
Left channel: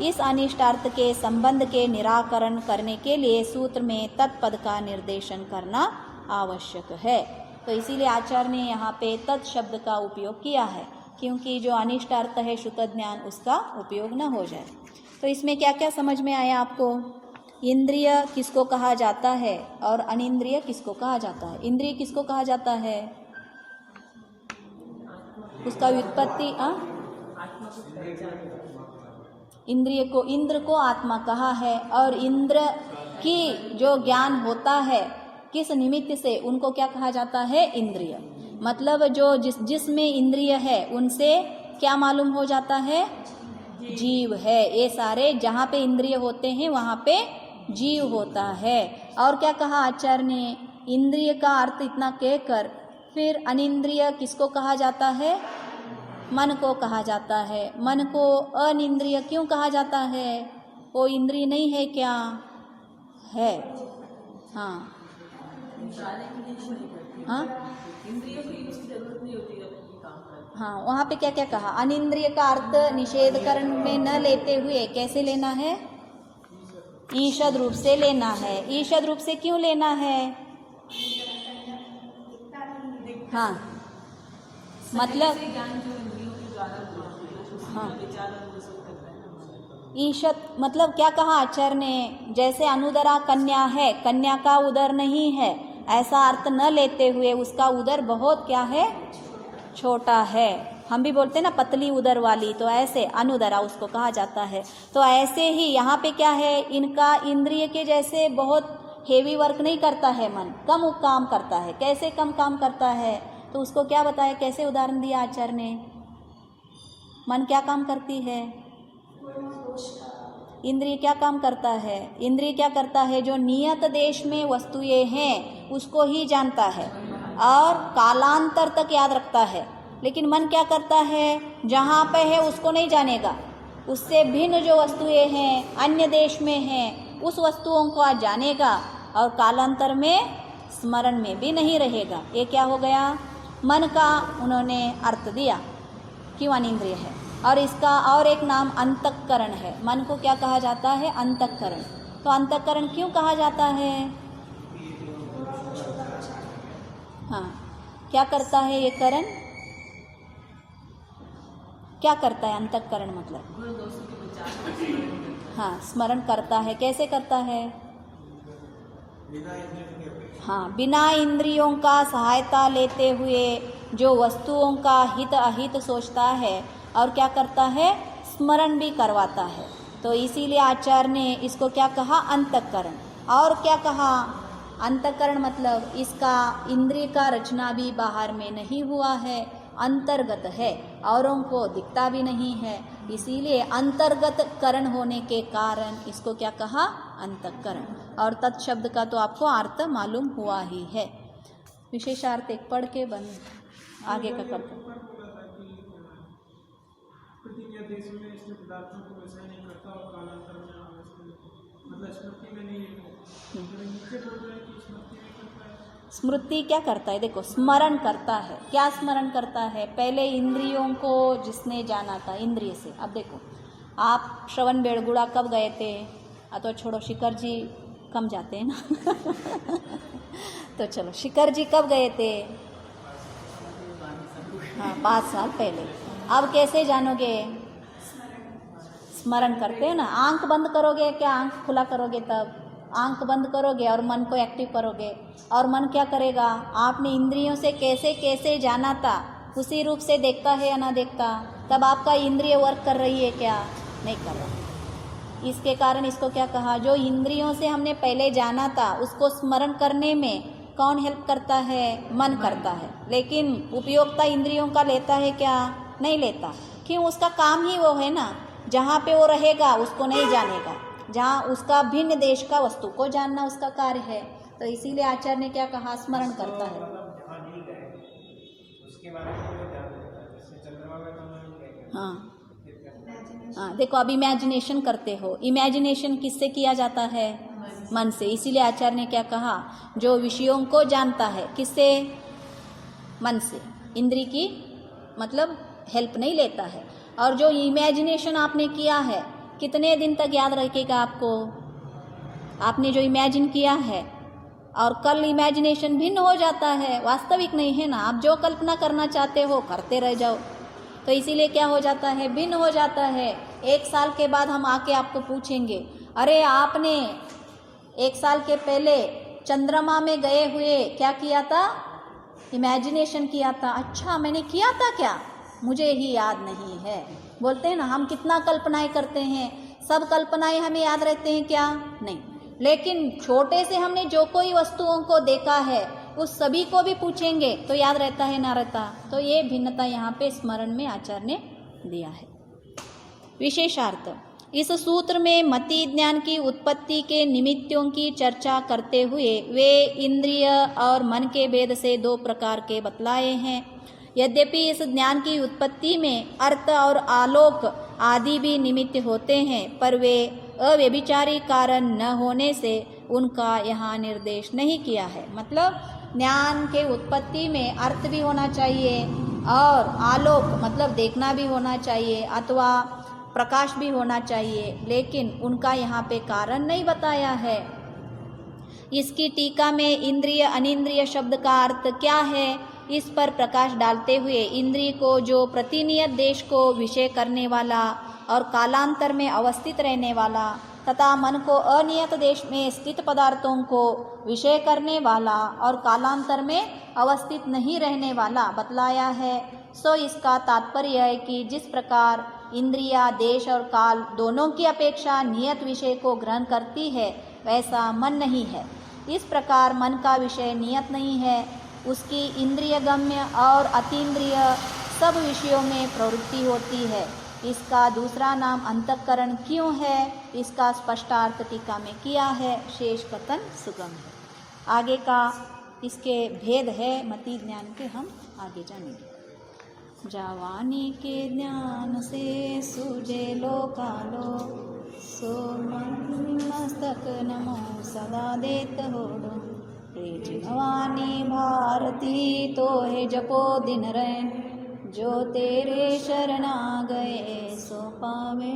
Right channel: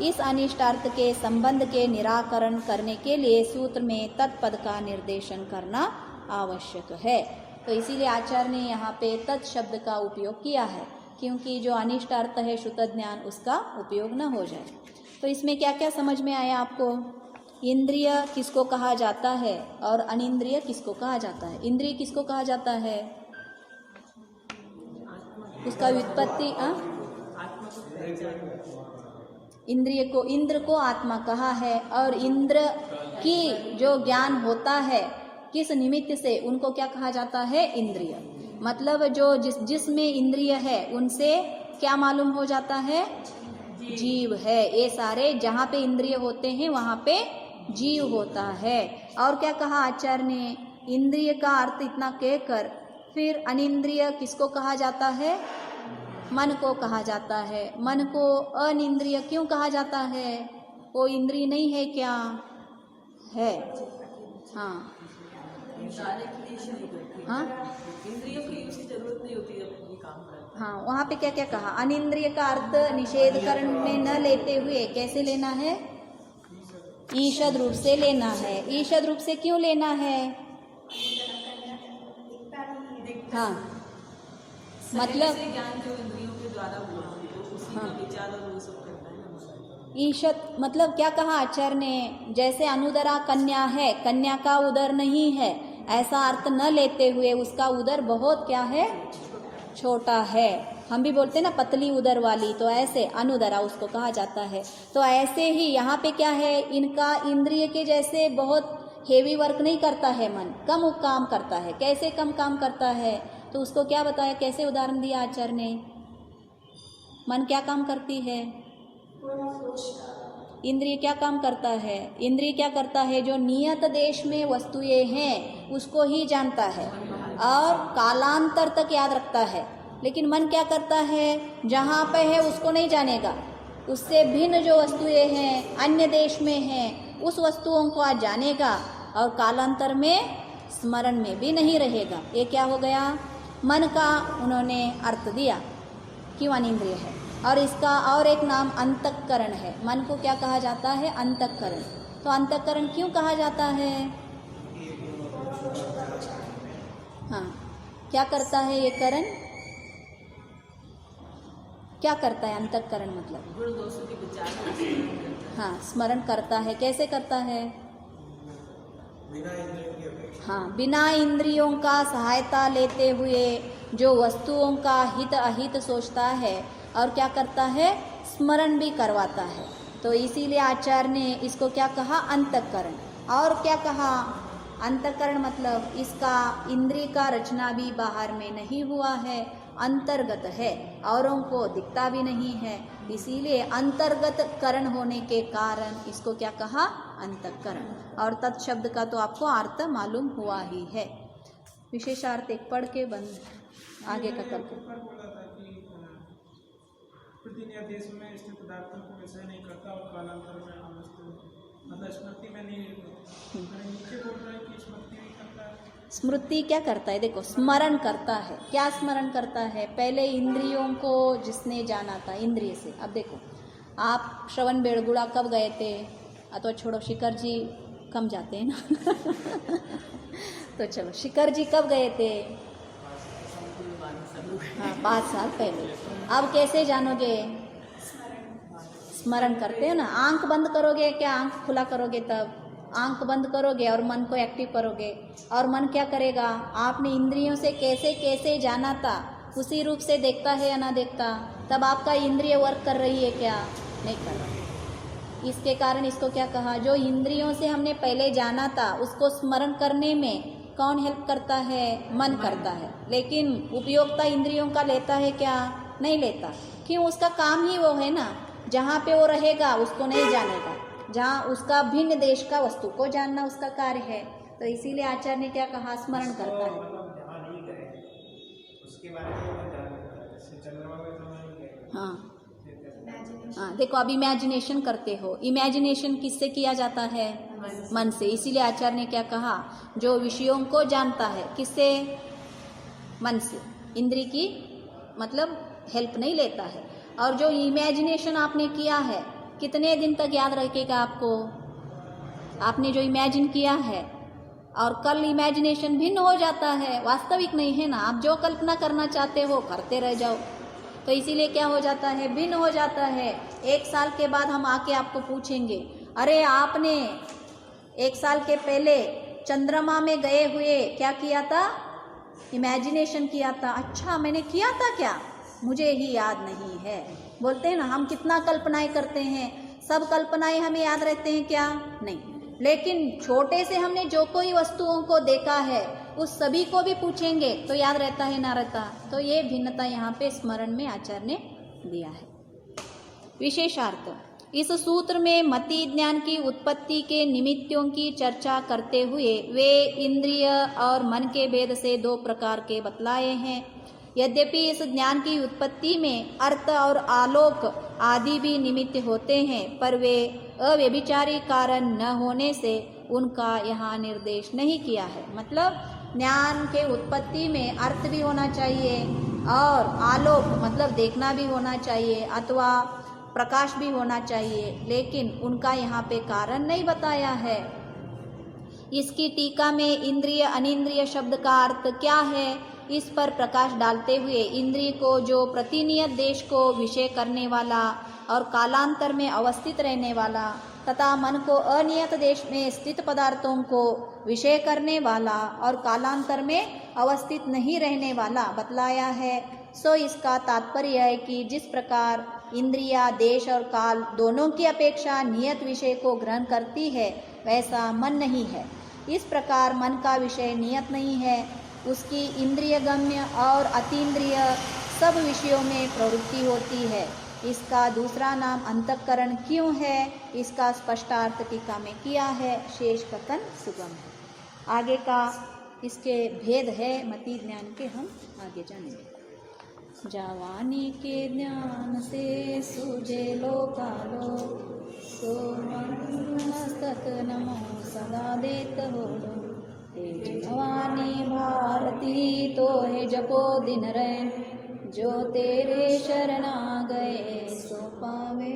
इस अनिष्ट अर्थ के संबंध के निराकरण करने के लिए सूत्र में तत्पद का निर्देशन करना आवश्यक है। तो इसीलिए आचार्य ने यहाँ पे तत् शब्द का उपयोग किया है, क्योंकि जो अनिष्ट अर्थ है शुद्ध ज्ञान उसका उपयोग न हो जाए। तो इसमें क्या क्या समझ में आया आपको? इंद्रिय किसको कहा जाता है और अनिंद्रिय किसको कहा जाता है? इंद्रिय किसको कहा जाता है? उसका व्युत्पत्ति इंद्रिय को, इंद्र को आत्मा कहा है और इंद्र की जो ज्ञान होता है किस निमित्त से, उनको क्या कहा जाता है? इंद्रिय। मतलब जो जिसमें इंद्रिय है उनसे क्या मालूम हो जाता है? जीव है। ये सारे जहाँ पे इंद्रिय होते हैं वहाँ पे जीव होता है। और क्या कहा आचार्य ने? इंद्रिय का अर्थ इतना कहकर फिर अनिंद्रिय किसको कहा जाता है? मन को कहा जाता है। मन को अनिंद्रिय क्यों कहा जाता है? वो इंद्रिय नहीं है क्या? है। हाँ हाँ इंद्रियों की उसकी जरूरत नहीं होती है अपनी काम करने। हाँ, वहाँ पे क्या क्या कहा? अनिंद्रिय का अर्थ निषेधकरण में न लेते हुए कैसे लेना है? ईषद रूप से लेना है। ईषद रूप से क्यों लेना है? हाँ, मतलब ज्ञान जो इंद्रियों के द्वारा हुआ, हाँ, विचार और वो सब करता है ना। ईषद मतलब क्या कहा आचार्य ने? जैसे अनुदरा कन्या है, कन्या का उदर नहीं है, ऐसा अर्थ न लेते हुए उसका उदर बहुत क्या है? छोटा है। हम भी बोलते हैं ना पतली उदर वाली, तो ऐसे अनुदरा उसको कहा जाता है। तो ऐसे ही यहाँ पे क्या है? इनका इंद्रिय के जैसे बहुत हेवी वर्क नहीं करता है, मन कम काम करता है। कैसे कम काम करता है? तो उसको क्या बताया, कैसे उदाहरण दिया आचार्य ने? मन क्या काम करती है? इंद्रिय क्या काम करता है? इंद्रिय क्या करता है? जो नियत देश में वस्तुएं हैं उसको ही जानता है और कालांतर तक याद रखता है। लेकिन मन क्या करता है? जहाँ पे है उसको नहीं जानेगा, उससे भिन्न जो वस्तुएं हैं, अन्य देश में हैं, उस वस्तुओं को आज जानेगा और कालांतर में स्मरण में भी नहीं रहेगा। ये क्या हो गया? मन का उन्होंने अर्थ दिया, क्यों अनिंद्रिय है। और इसका और एक नाम अंतःकरण है। मन को क्या कहा जाता है? अंतःकरण। तो अंतःकरण क्यों कहा जाता है? हाँ, क्या करता है ये करण? क्या करता है अंतःकरण? मतलब हाँ, स्मरण करता है। कैसे करता है? हाँ, बिना इंद्रियों का सहायता लेते हुए जो वस्तुओं का हित अहित सोचता है और क्या करता है? स्मरण भी करवाता है। तो इसीलिए आचार्य ने इसको क्या कहा? अंतःकरण। और क्या कहा? अंतःकरण मतलब इसका इंद्रिय का रचना भी बाहर में नहीं हुआ है, अंतर्गत है, औरों को दिखता भी नहीं है, इसीलिए अंतर्गत करण होने के कारण इसको क्या कहा, अंतःकरण। और तत् शब्द का तो आपको अर्थ मालूम हुआ ही है। विशेषार्थ एक पढ़ के बंद आगे का करके। प्रतिनियत देश में स्थित पदार्थों को विषय नहीं करता और कालांतर में मतलब स्मृति में नहीं, नीचे बोल रहे हैं कि स्मृति भी करता है। स्मृति क्या करता है, देखो स्मरण करता है। क्या स्मरण करता है, पहले इंद्रियों को जिसने जाना था इंद्रिय से। अब देखो आप श्रवण बेलगुड़ा कब गए थे, अथवा छोड़ो शिखर जी कम जाते हैं ना तो चलो शिखर जी कब गए थे, हाँ 5 साल पहले। अब कैसे जानोगे, स्मरण करते हैं ना। आंख बंद करोगे क्या, आंख खुला करोगे, तब आंख बंद करोगे और मन को एक्टिव करोगे, और मन क्या करेगा, आपने इंद्रियों से कैसे कैसे जाना था उसी रूप से देखता है या ना देखता, तब आपका इंद्रिय वर्क कर रही है क्या, नहीं कर रही। इसके कारण इसको क्या कहा, जो इंद्रियों से हमने पहले जाना था उसको स्मरण करने में कौन हेल्प करता है, मन करता है। लेकिन उपयोगिता इंद्रियों का लेता है क्या, नहीं लेता। क्यों, उसका काम ही वो है ना, जहाँ पे वो रहेगा उसको नहीं जानेगा, जहाँ उसका भिन्न देश का वस्तु को जानना उसका कार्य है। तो इसीलिए आचार्य ने क्या कहा, स्मरण करता है। हाँ हाँ, देखो अब इमेजिनेशन करते हो, इमेजिनेशन किससे किया जाता है, मन से। इसीलिए आचार्य ने क्या कहा, जो विषयों को जानता है किससे, मन से, इंद्रिय की मतलब हेल्प नहीं लेता है। और जो इमेजिनेशन आपने किया है कितने दिन तक याद रखेगा आपको, आपने जो इमेजिन किया है, और कल इमेजिनेशन भिन्न हो जाता है, वास्तविक नहीं है ना। आप जो कल्पना करना चाहते हो करते रह जाओ, तो इसीलिए क्या हो जाता है, भिन्न हो जाता है। 1 साल के बाद हम आके आपको पूछेंगे, अरे आपने 1 साल के पहले चंद्रमा में गए हुए क्या किया था, इमेजिनेशन किया था। अच्छा मैंने किया था क्या, मुझे ही याद नहीं है। बोलते हैं ना हम कितना कल्पनाएं करते हैं, सब कल्पनाएं हमें याद रहते हैं क्या, नहीं। लेकिन छोटे से हमने जो कोई वस्तुओं को देखा है उस सभी को भी पूछेंगे तो याद रहता है ना रहता। तो ये भिन्नता यहाँ पे स्मरण में आचार्य ने दिया है। विशेषार्थ, इस सूत्र में मति ज्ञान की उत्पत्ति के निमित्तों की चर्चा करते हुए वे इंद्रिय और मन के भेद से 2 प्रकार के बतलाए हैं। यद्यपि इस ज्ञान की उत्पत्ति में अर्थ और आलोक आदि भी निमित्त होते हैं, पर वे अव्यभिचारी कारण न होने से उनका यहाँ निर्देश नहीं किया है। मतलब ज्ञान के उत्पत्ति में अर्थ भी होना चाहिए और आलोक मतलब देखना भी होना चाहिए, अथवा प्रकाश भी होना चाहिए, लेकिन उनका यहाँ पे कारण नहीं बताया है। इसकी टीका में इंद्रिय अनिंद्रिय शब्द का अर्थ क्या है, इस पर प्रकाश डालते हुए इंद्रिय को जो प्रतिनियत देश को विषय करने वाला और कालांतर में अवस्थित रहने वाला, तथा मन को अनियत देश में स्थित पदार्थों को विषय करने वाला और कालांतर में अवस्थित नहीं रहने वाला बतलाया है। सो इसका तात्पर्य है कि जिस प्रकार इंद्रिया देश और काल दोनों की अपेक्षा नियत विषय को ग्रहण करती है, वैसा मन नहीं है। इस प्रकार मन का विषय नियत नहीं है, उसकी इंद्रिय गम्य और अतीन्द्रिय सब विषयों में प्रवृत्ति होती है। इसका दूसरा नाम अंतःकरण क्यों है, इसका स्पष्टार्थ टीका में किया है, शेष कथन सुगम है। आगे का इसके भेद है मति ज्ञान के, हम आगे जानेंगे। जावानी के ज्ञान से सूझे लोकालो, सो मस्तक नमो सदा देत होडो। हे जिनवानी भारती तो हे जपो दिन रैन, जो तेरे शरणा गए सो पावे।